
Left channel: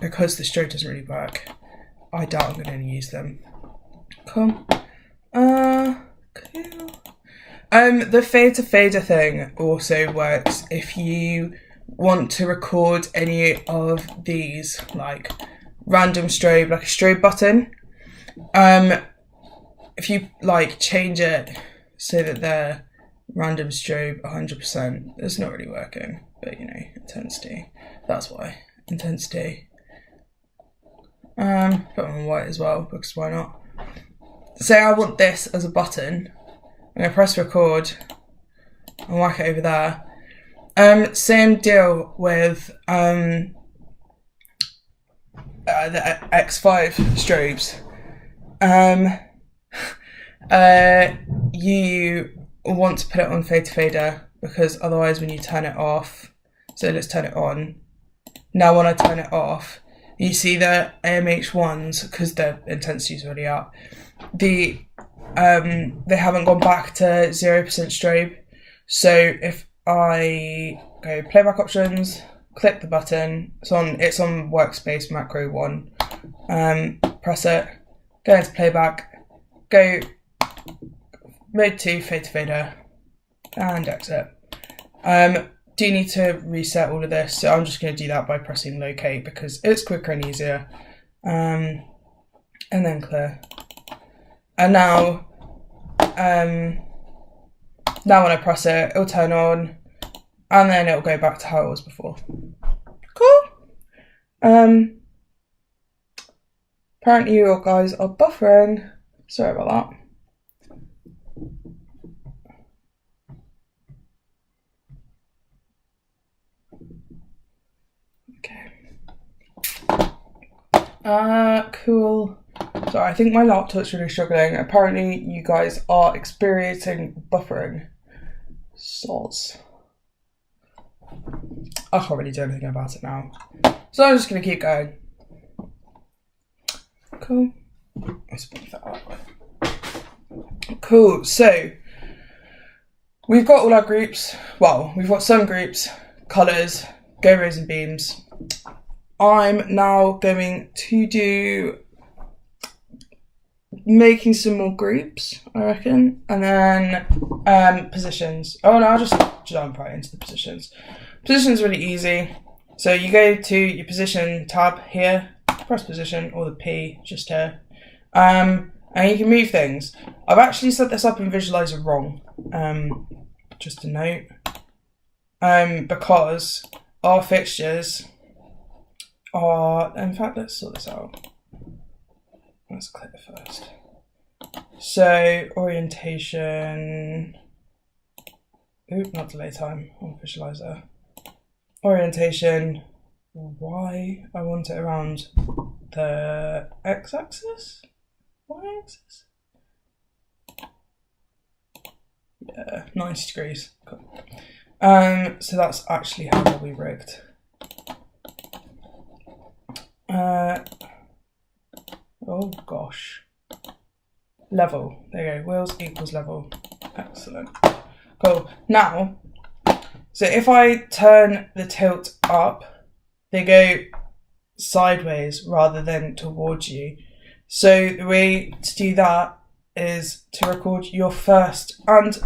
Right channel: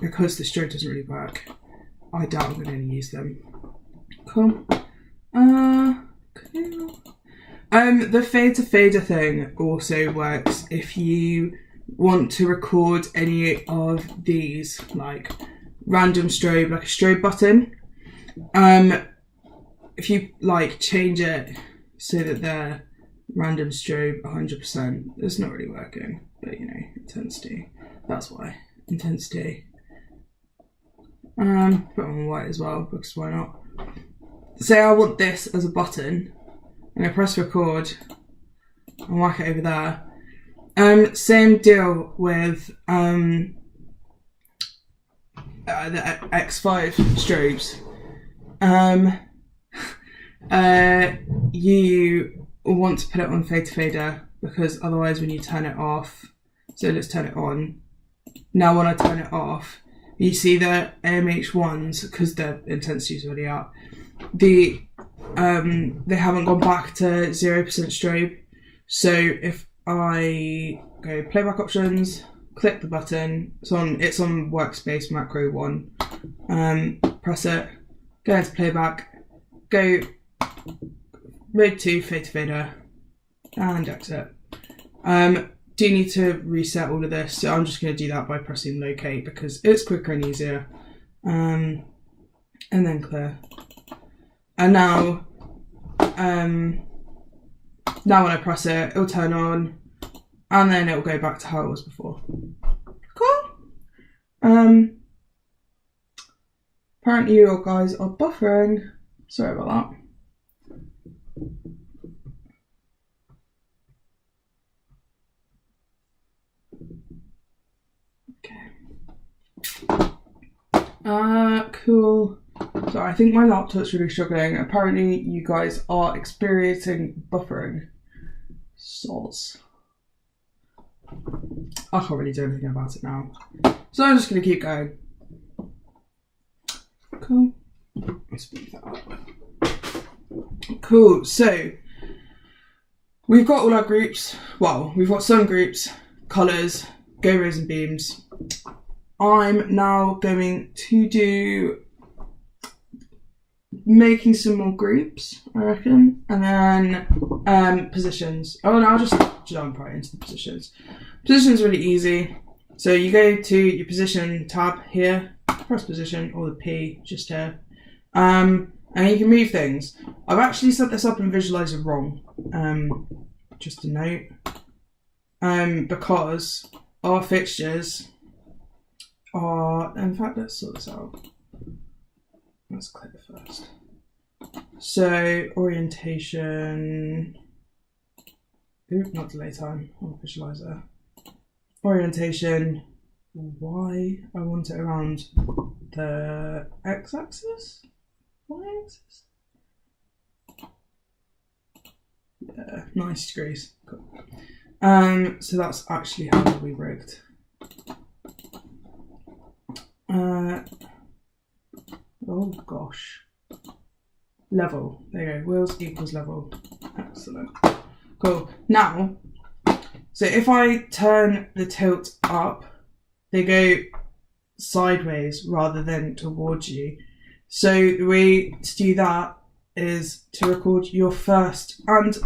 because the stroke doesn't really work, I doubt I'm gonna use them. Cool. Cool. The fade to fader thing also works if you want to record any of these, like random strobe, like a strobe button. If you like change it so that they're random strobe 100%, it's not really working, but you know, intensity, that's why. Intensity. Put them on white as well, because why not? Say I want this as a button, I'm gonna press record and whack it over there. Same deal with the X5 strobes. You want to put it on fade to fader, because otherwise when you turn it off, so let's turn it on. Now when I turn it off, you see the AMH ones, because the intensity is already up, they haven't gone back to 0% strobe. So if I go playback options, click the button, it's on workspace macro 1, press it, go into playback, go mode 2 fade to fader, and exit. Do need to reset all of this, so I'm just going to do that by pressing locate because it's quicker and easier. And then clear. And now when I press it, it'll turn on, and then it'll go back to how it was before. Cool. Apparently you guys are buffering. Sorry about that. Cool. So I think my laptop's really struggling. Apparently you guys are experiencing buffering. Soz. I can't really do anything about it now. So I'm just going to keep going. Cool. Let's speed that up. Cool. So we've got all our groups. Well, we've got some groups, colours, go rows and beams. I'm now going to do making some more groups, I reckon, and then positions. Oh no, I'll just jump right into the positions. Position's really easy. So you go to your position tab here, press position, or the P just here, and you can move things. I've actually set this up in Visualizer wrong, just a note, because our fixtures are, in fact, let's sort this out. Let's click first. So orientation, not delay time on Visualizer. Orientation, Y, I want it around the x-axis? Y-axis? Yeah, 90 degrees. Cool. So that's actually how it'll be rigged. Oh gosh. Level. There you go. Wheels equals level. Excellent. Cool. Now, so if I turn the tilt up, they go sideways rather than towards you. So the way to do that is to record your first and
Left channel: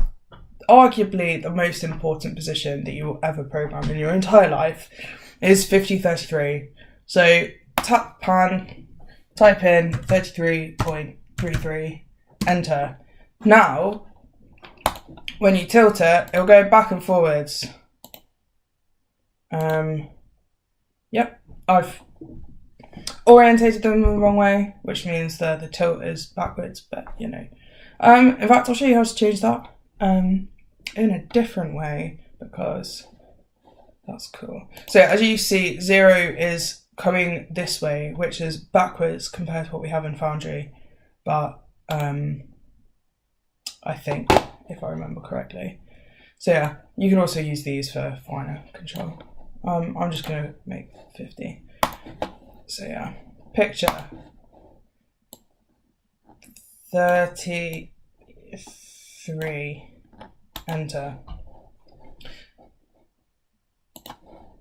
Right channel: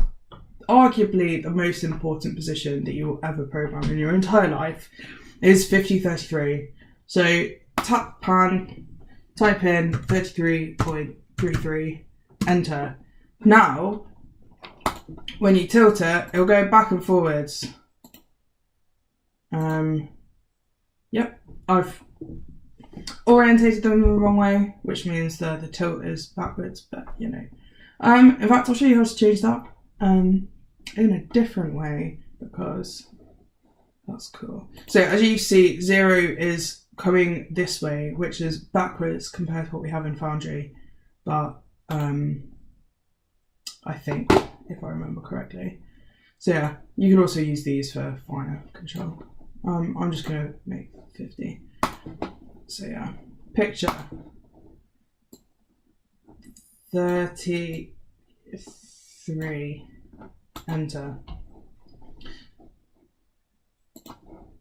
arguably the most important position that you will ever program in your entire life is 5033. So tap pan, type in 33.33, enter. Now, when you tilt it, it'll go back and forwards. Yep, I've orientated them the wrong way, which means that the tilt is backwards, but you know. In fact, I'll show you how to change that in a different way because that's cool. So as you see, 0 is coming this way, which is backwards compared to what we have in Foundry, but I think, if I remember correctly. So yeah, you can also use these for finer control. I'm just going to make 50. So yeah, picture 33, enter.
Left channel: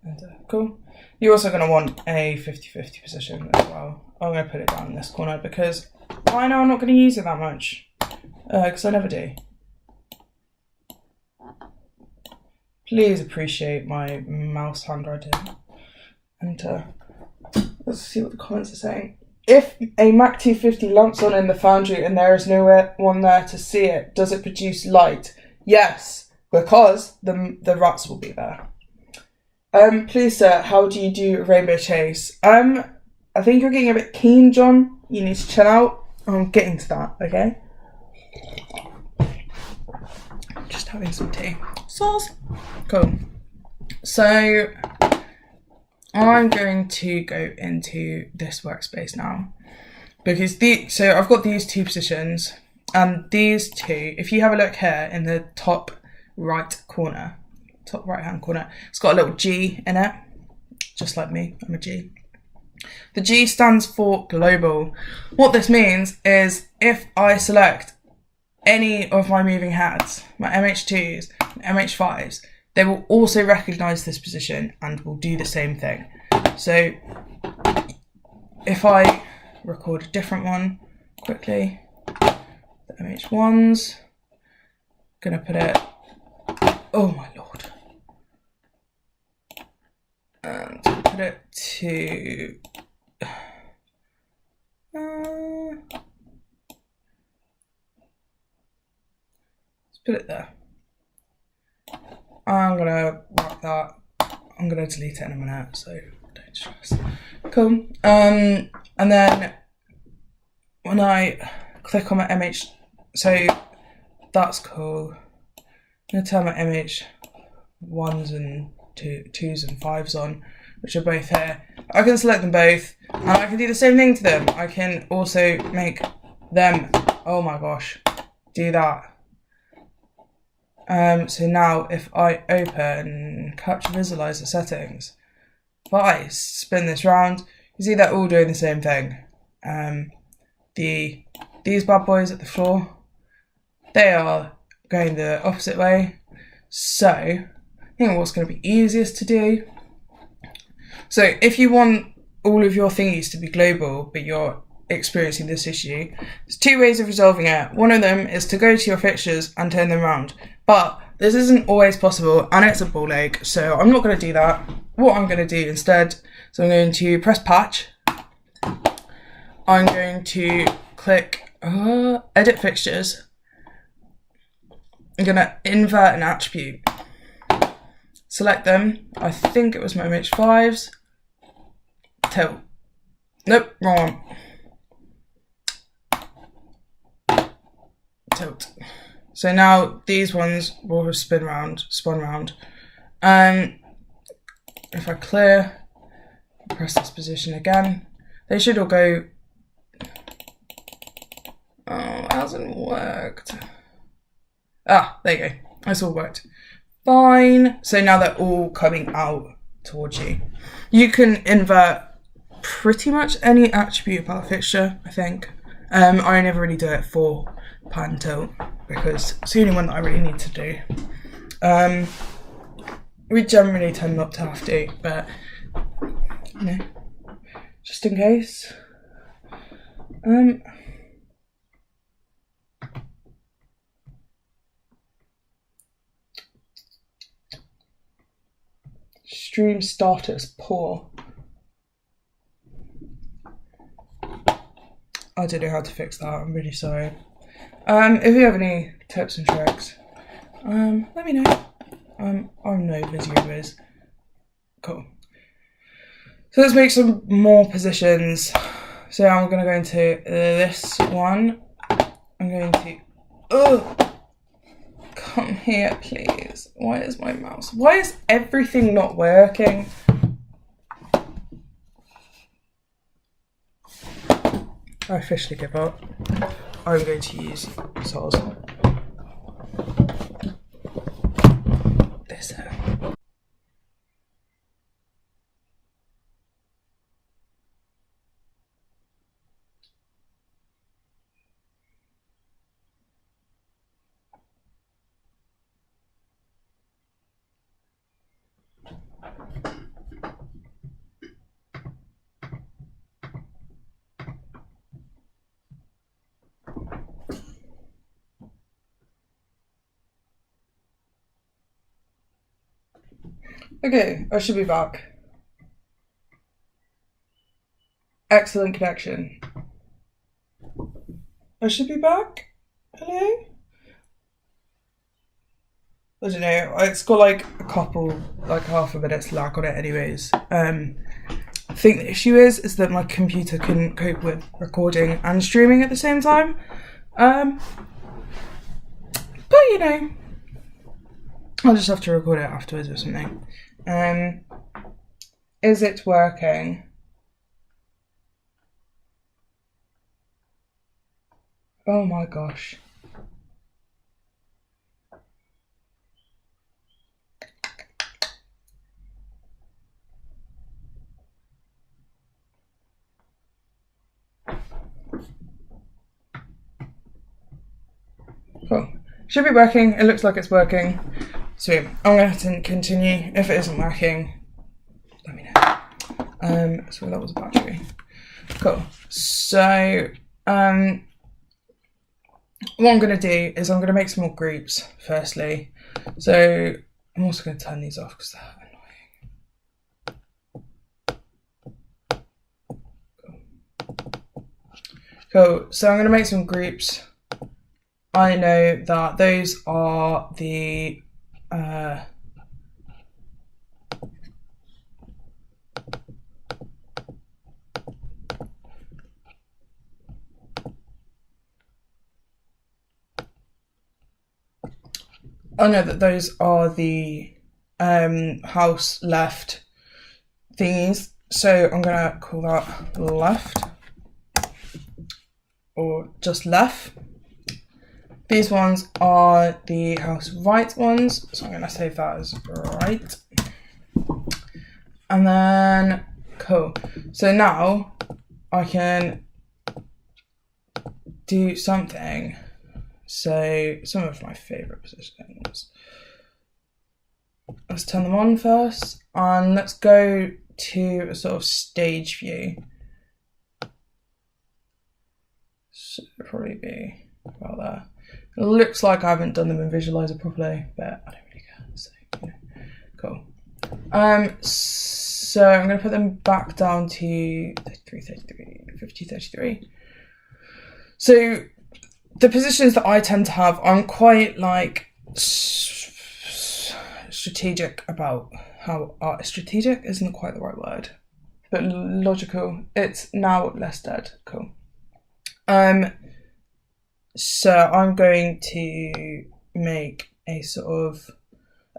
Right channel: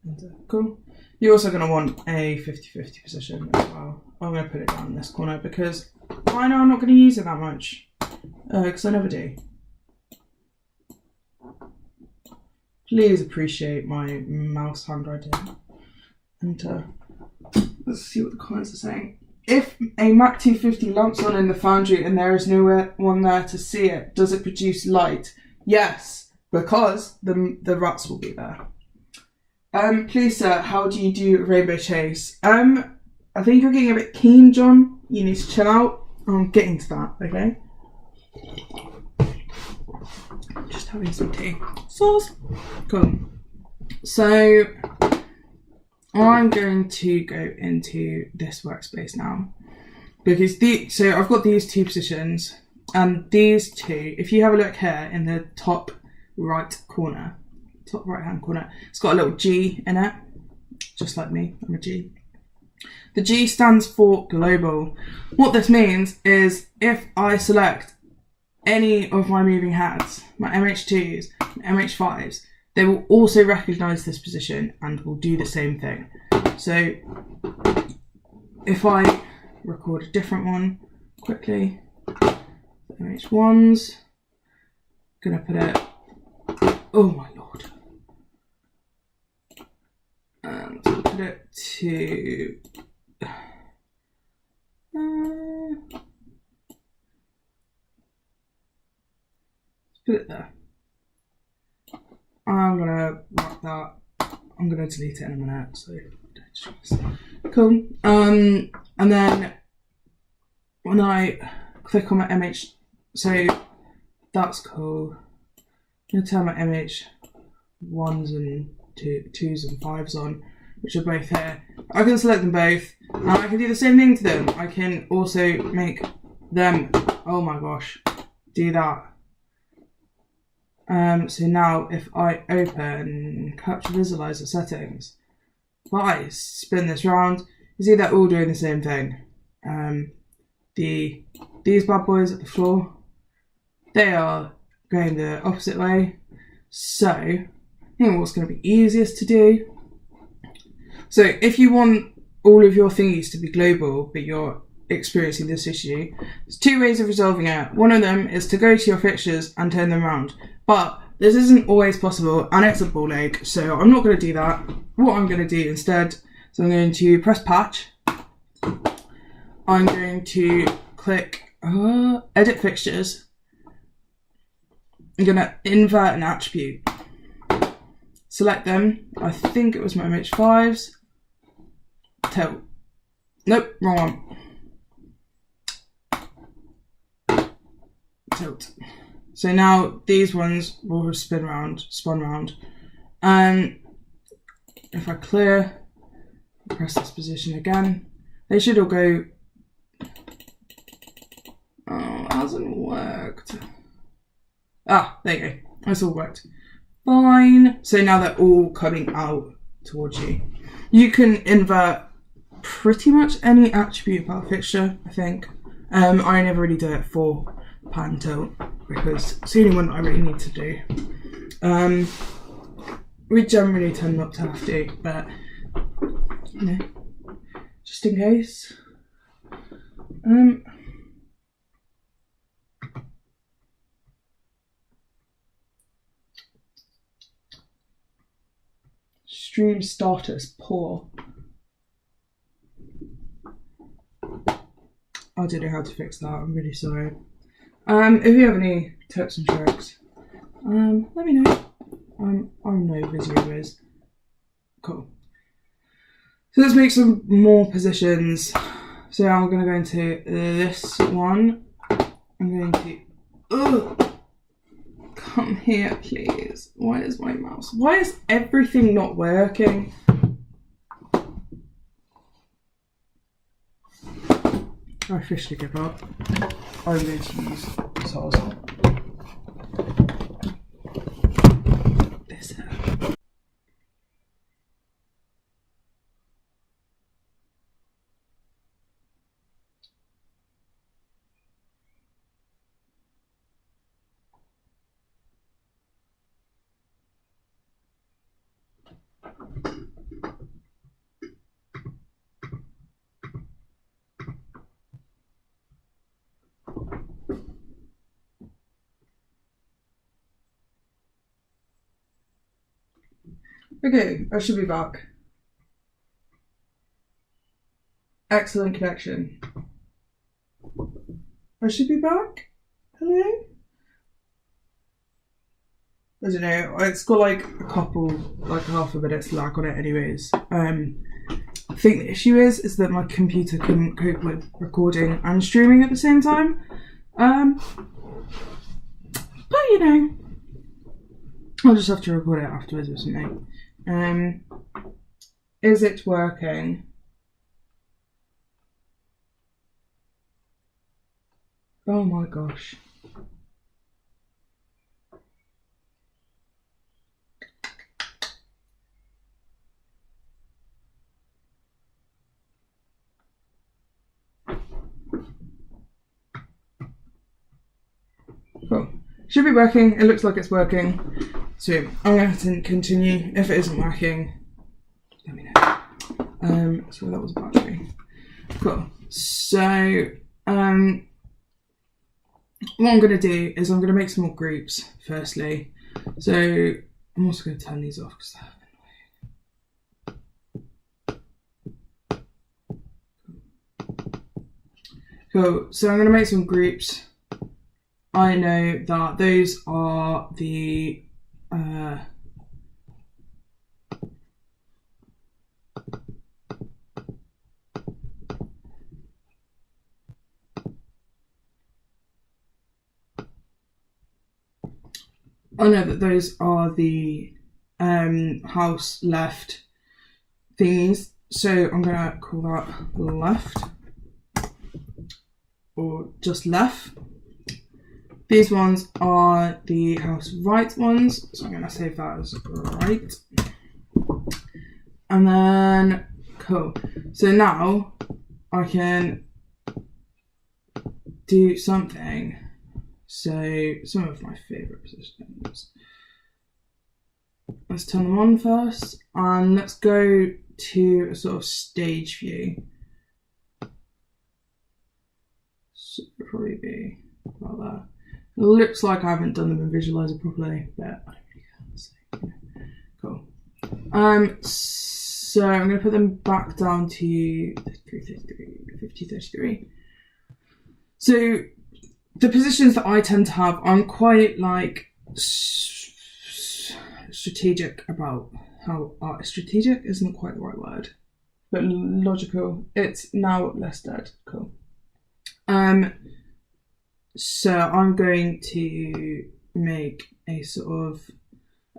Enter, cool. You're also going to want a 50-50 position as well. I'm going to put it down in this corner because I know I'm not going to use it that much, because I never do. Please appreciate my mouse handwriting. Enter. Let's see what the comments are saying. If a Mac 250 lamps on in the Foundry and there is no one there to see it, does it produce light? Yes, because the rats will be there. Please sir, how do you do Rainbow Chase? I think you're getting a bit keen, John. You need to chill out. I'm getting to that, okay? Just having some tea. Sauce. Cool. So I'm going to go into this workspace now because so I've got these two positions and these two, if you have a look here in the top right hand corner, it's got a little G in it, just like me, I'm a G. The G stands for global. What this means is if I select any of my moving heads, my MH2s, MH5s, they will also recognise this position and will do the same thing. So if I record a different one quickly, the MH1s, gonna put it, oh my lord, and put it to let's put it there. I'm gonna mark that. I'm gonna delete it in a minute, so don't stress. Cool. And then when I click on my MH, so that's cool. I'm gonna turn my MH1s and 2s and 5s on, which are both here. I can select them both, and I can do the same thing to them. I can also make them, oh my gosh, do that. So now if I open Capture Visualizer settings, if I spin this round, you see they're all doing the same thing. These bad boys at the floor, they are going the opposite way. So, you know what's going to be easiest to do? So if you want all of your thingies to be global, but you're experiencing this issue, there's two ways of resolving it. One of them is to go to your fixtures and turn them around. But this isn't always possible and it's a ball ache, so I'm not going to do that. What I'm going to do instead, so I'm going to press patch. I'm going to click edit fixtures. I'm going to invert an attribute. Select them. I think it was my MH5s. Tilt. Nope, wrong one. Tilt. So now these ones will have spun round. If I clear, press this position again, they should all go. Oh, it hasn't worked. Ah, there you go. It's all worked. Fine. So now they're all coming out towards you. You can invert pretty much any attribute about a fixture, I think. I never really do it for pan tilt because it's the only one that I really need to do. We generally tend not to have to, but you know, just in case. Stream status poor. I don't know how to fix that, I'm really sorry. If you have any tips and tricks, let me know. I'm no Visual Viz. Cool. So let's make some more positions. So I'm going to go into this one. I'm going to... Come here, please. Why is my mouse... Why is everything not working? I officially give up. I'm going to use source. Okay, I should be back. Excellent connection. I should be back. Hello? I don't know. It's got like a couple, like half a minute's lag on it anyways. I think the issue is that my computer couldn't cope with recording and streaming at the same time. But you know, I'll just have to record it afterwards or something. Is it working? Oh my gosh. Cool. Should be working. It looks like it's working. So I'm going to continue. If it isn't working, let me know. So that was a battery. Cool. So what I'm going to do is I'm going to make some more groups firstly. So I'm also going to turn these off because they're annoying. Cool. So I'm going to make some groups. I know that those are the house left thingies. So I'm gonna call that left or just left. These ones are the house right ones, so I'm going to save that as right. And then, cool. So now I can do something. So some of my favourite positions. Let's turn them on first, and let's go to a sort of stage view. So it'll probably be about there. It looks like I haven't done them in Visualizer properly, but I don't really care. So, you know, cool. So I'm going to put them back down to 33, 33, 50, 33. So the positions that I tend to have, I'm quite like strategic about how strategic isn't quite the right word, but logical. It's now less dead. Cool. So I'm going to make a sort of,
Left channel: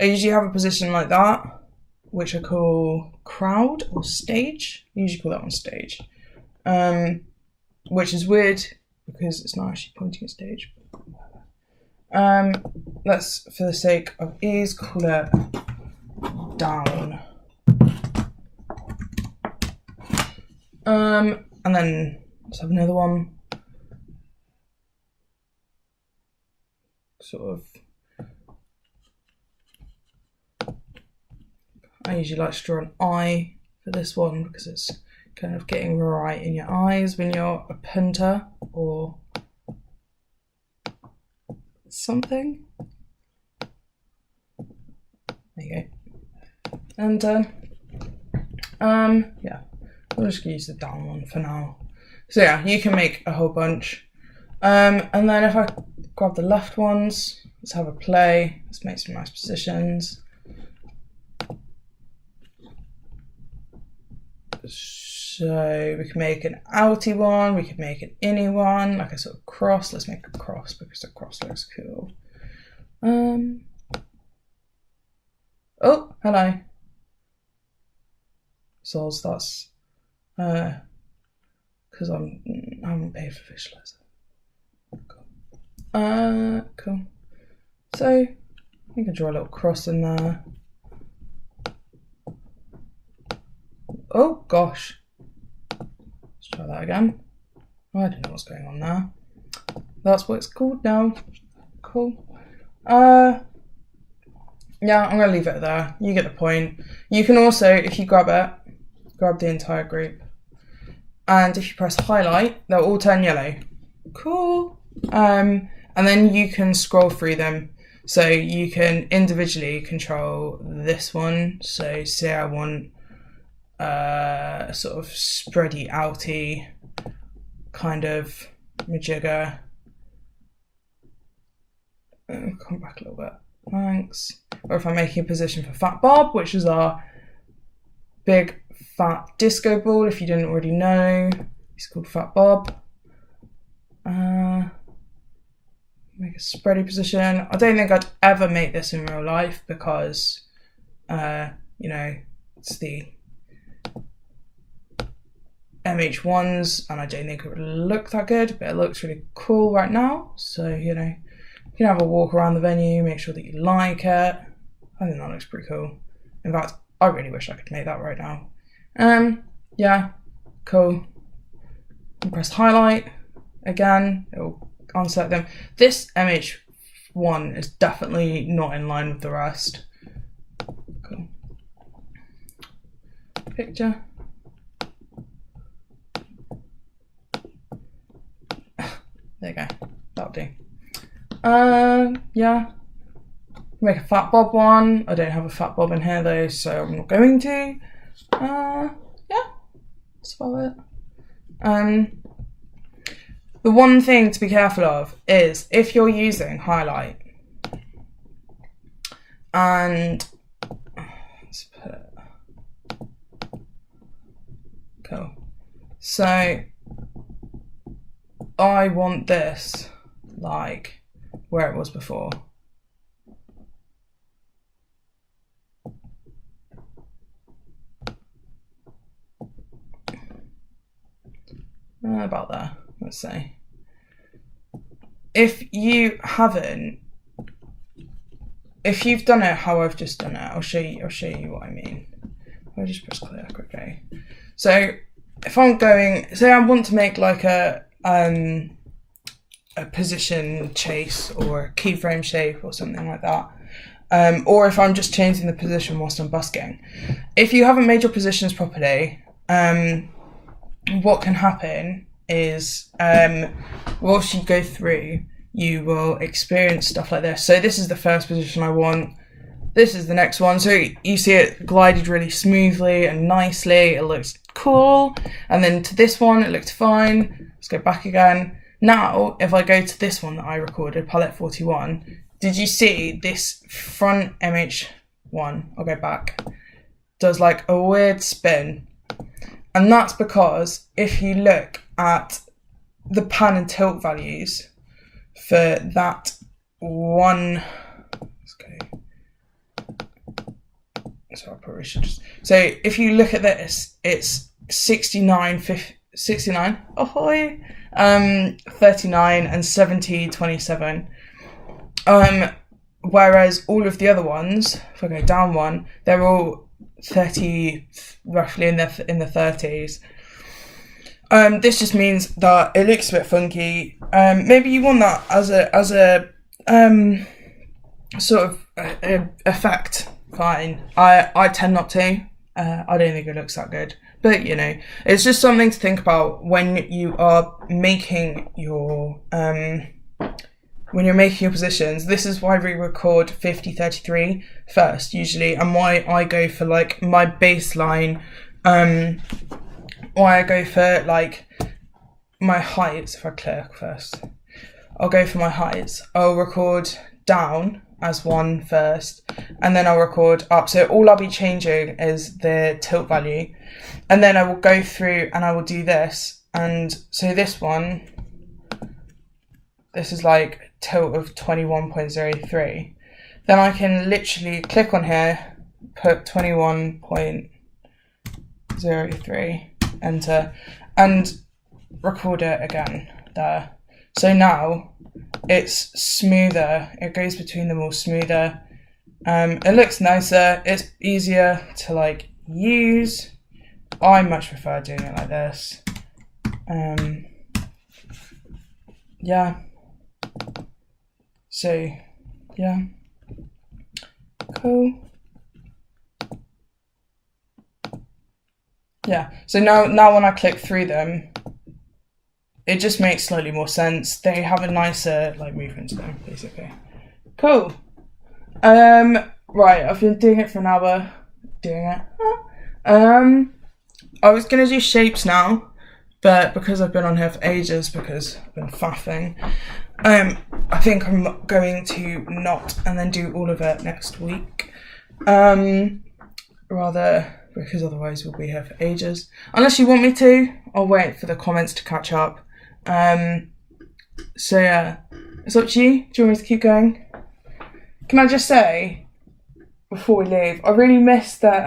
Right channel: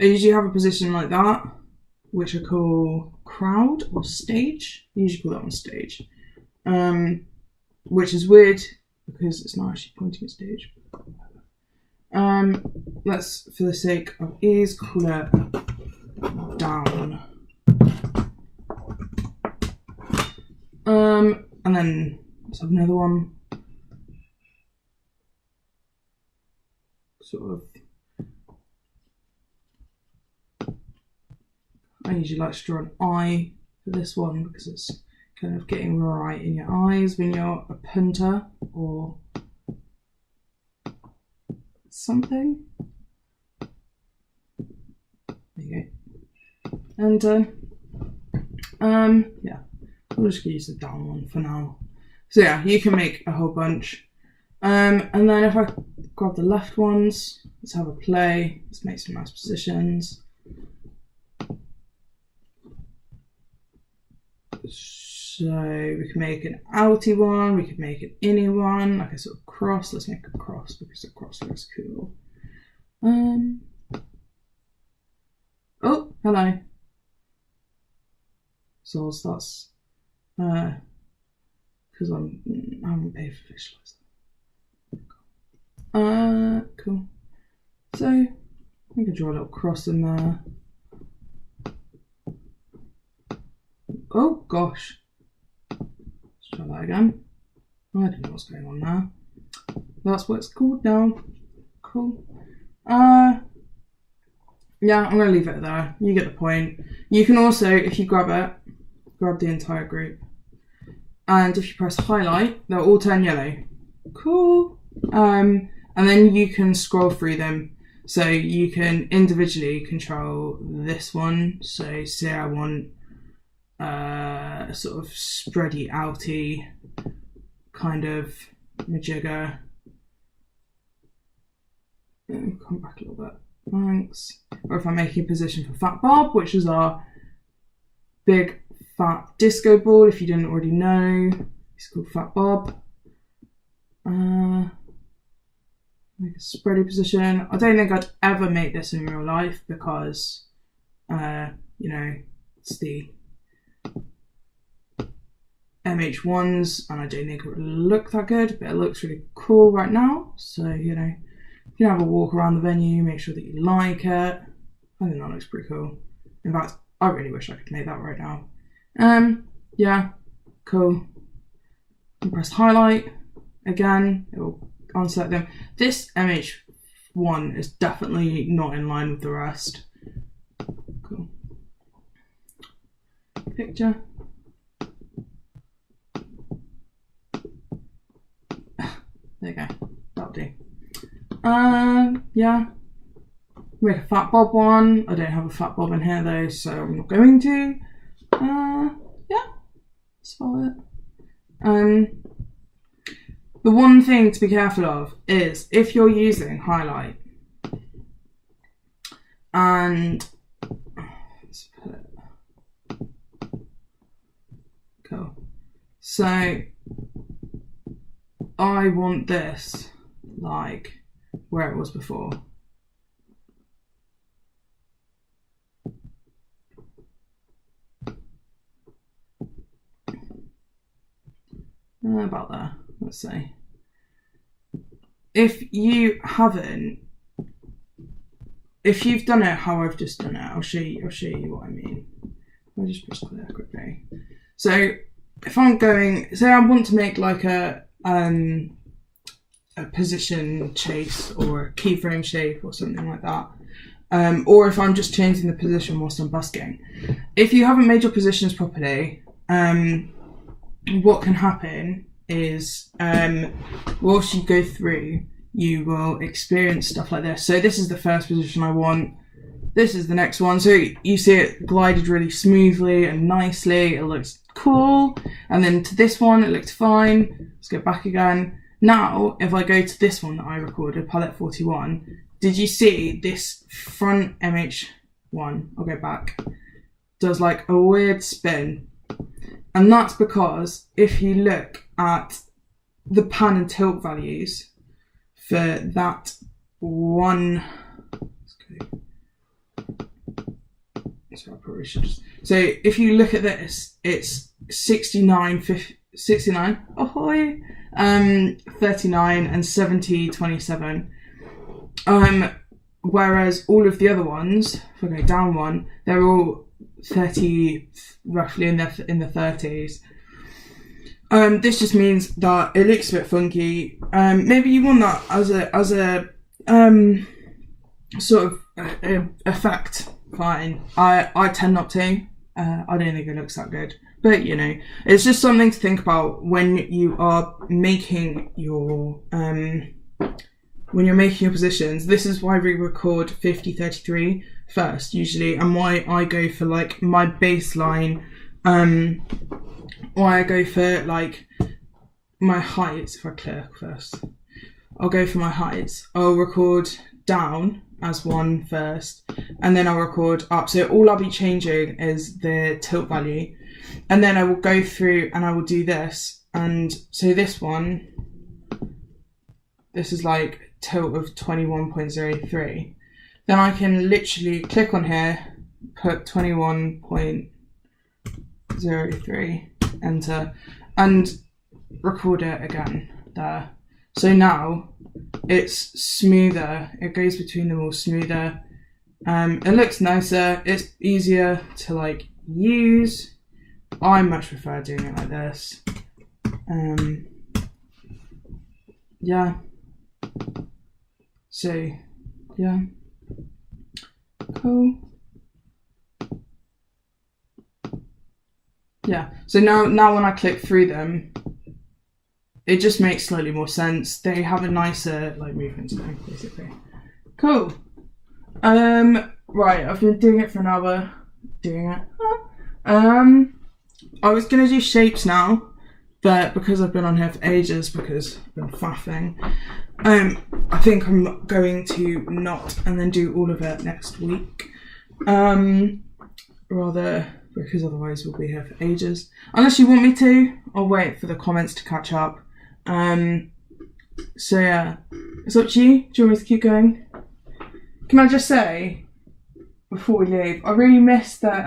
I usually have a position like that, which I call crowd or stage. I usually call that one stage, which is weird because it's not actually pointing at stage. Let's, for the sake of ease, call it down. And then let's have another one. Sort of, I usually like to draw an eye for this one because it's kind of getting right in your eyes when you're a punter or something. There you go. And yeah, I'm just gonna use the down one for now. So yeah, you can make a whole bunch. And then if I grab the left ones, let's have a play. Let's make some nice positions. So we can make an outy one, we could make an innie one, like a sort of cross. Let's make a cross because a cross looks cool. Oh, hello. So that's because I haven't paid for Visualizer. Cool. So I think I draw a little cross in there. Oh gosh. Let's try that again. I don't know what's going on there. That's what it's called now. Cool. Yeah, I'm gonna leave it there. You get the point. You can also, if you grab it, grab the entire group. And if you press highlight, they'll all turn yellow. Cool. And then you can scroll through them. So you can individually control this one. So say I want sort of spready outy kind of majigger. Come back a little bit, thanks. Or if I'm making a position for Fat Bob, which is our big fat disco ball, if you didn't already know, he's called Fat Bob. Make a spready position. I don't think I'd ever make this in real life because you know, it's the MH1s and I don't think it would look that good, but it looks really cool right now. So, you know, you can have a walk around the venue, make sure that you like it. I think that looks pretty cool. In fact, I really wish I could make that right now. Yeah, cool. Press highlight again, it'll unselect them. This MH1 is definitely not in line with the rest. Cool. Picture. There you go, that'll do. Yeah. Make a Fat Bob one. I don't have a Fat Bob in here though, so I'm not going to. Yeah, that's about it. The one thing to be careful of is if you're using highlight and let's put it, cool. So I want this like where it was before. About there, let's say. If you haven't, if you've done it how I've just done it, I'll show you what I mean. I'll just press clear quickly. So if I'm going, say I want to make like a position chase or a keyframe shape or something like that. Or if I'm just changing the position whilst I'm busking. If you haven't made your positions properly, what can happen is whilst you go through, you will experience stuff like this. So this is the first position I want. This is the next one. So you see it glided really smoothly and nicely. It looks cool. And then to this one, it looked fine. Let's go back again. Now, if I go to this one that I recorded, Pallet 41, did you see this front MH1? I'll go back. Does like a weird spin. And that's because if you look at the pan and tilt values for that one, let's go. So I probably should just, so if you look at this, it's 69, 69, ahoy, 39 and 70, 27. Whereas all of the other ones, if I go down one, they're all 30, roughly in the 30s. This just means that it looks a bit funky. Maybe you want that as a sort of effect. Fine. I tend not to. I don't think it looks that good. But you know, it's just something to think about when you are making your positions. This is why we record 50-33 first usually, and why I go for like my baseline, why I go for like my heights. If I click first, I'll go for my heights. I'll record down as one first, and then I'll record up. So all I'll be changing is the tilt value, and then I will go through and I will do this. And so this one, this is like tilt of 21.03. Then I can literally click on here, put 21.03, enter, and record it again there. So now it's smoother, it goes between them all smoother. It looks nicer, it's easier to like use. I much prefer doing it like this. Yeah. So, yeah. Cool. Yeah, so now when I click through them, it just makes slightly more sense. They have a nicer like movement to them, basically. Cool. Right, I've been doing it for an hour. I was gonna do shapes now, but because I've been on here for ages, because I've been faffing, I think I'm going to not and then do all of it next week. Rather, because otherwise we'll be here for ages. Unless you want me to, I'll wait for the comments to catch up. So yeah, it's up to you. Do you want me to keep going? Can I just say, before we leave, I really missed that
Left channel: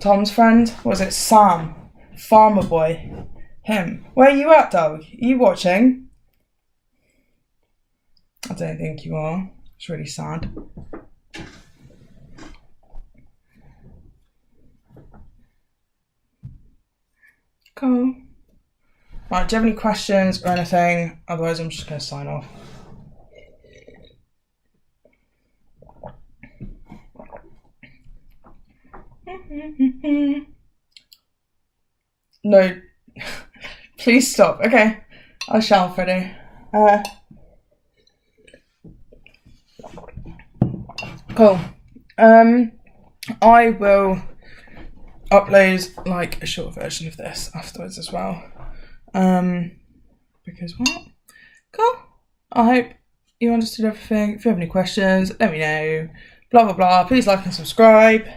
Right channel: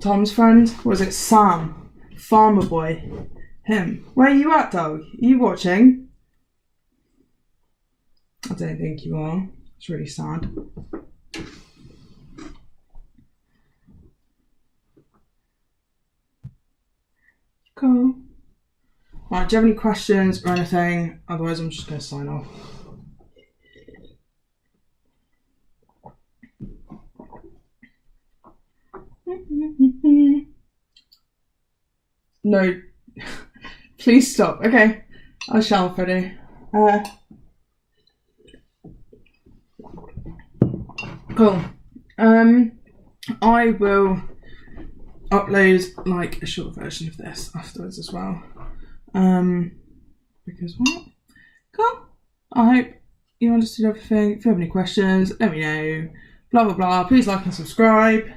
Tom's friend, was it Sam? Farmer boy. Him. Where are you at, dog? Are you watching? I don't think you are. It's really sad. Cool. Right, do you have any questions or anything? Otherwise I'm just going to sign off. No. Please stop. Okay. I shall, Freddie. Cool. I will upload like a short version of this afterwards as well. Because what? Cool. I hope you understood everything. If you have any questions, let me know. Blah blah blah. Please like and subscribe.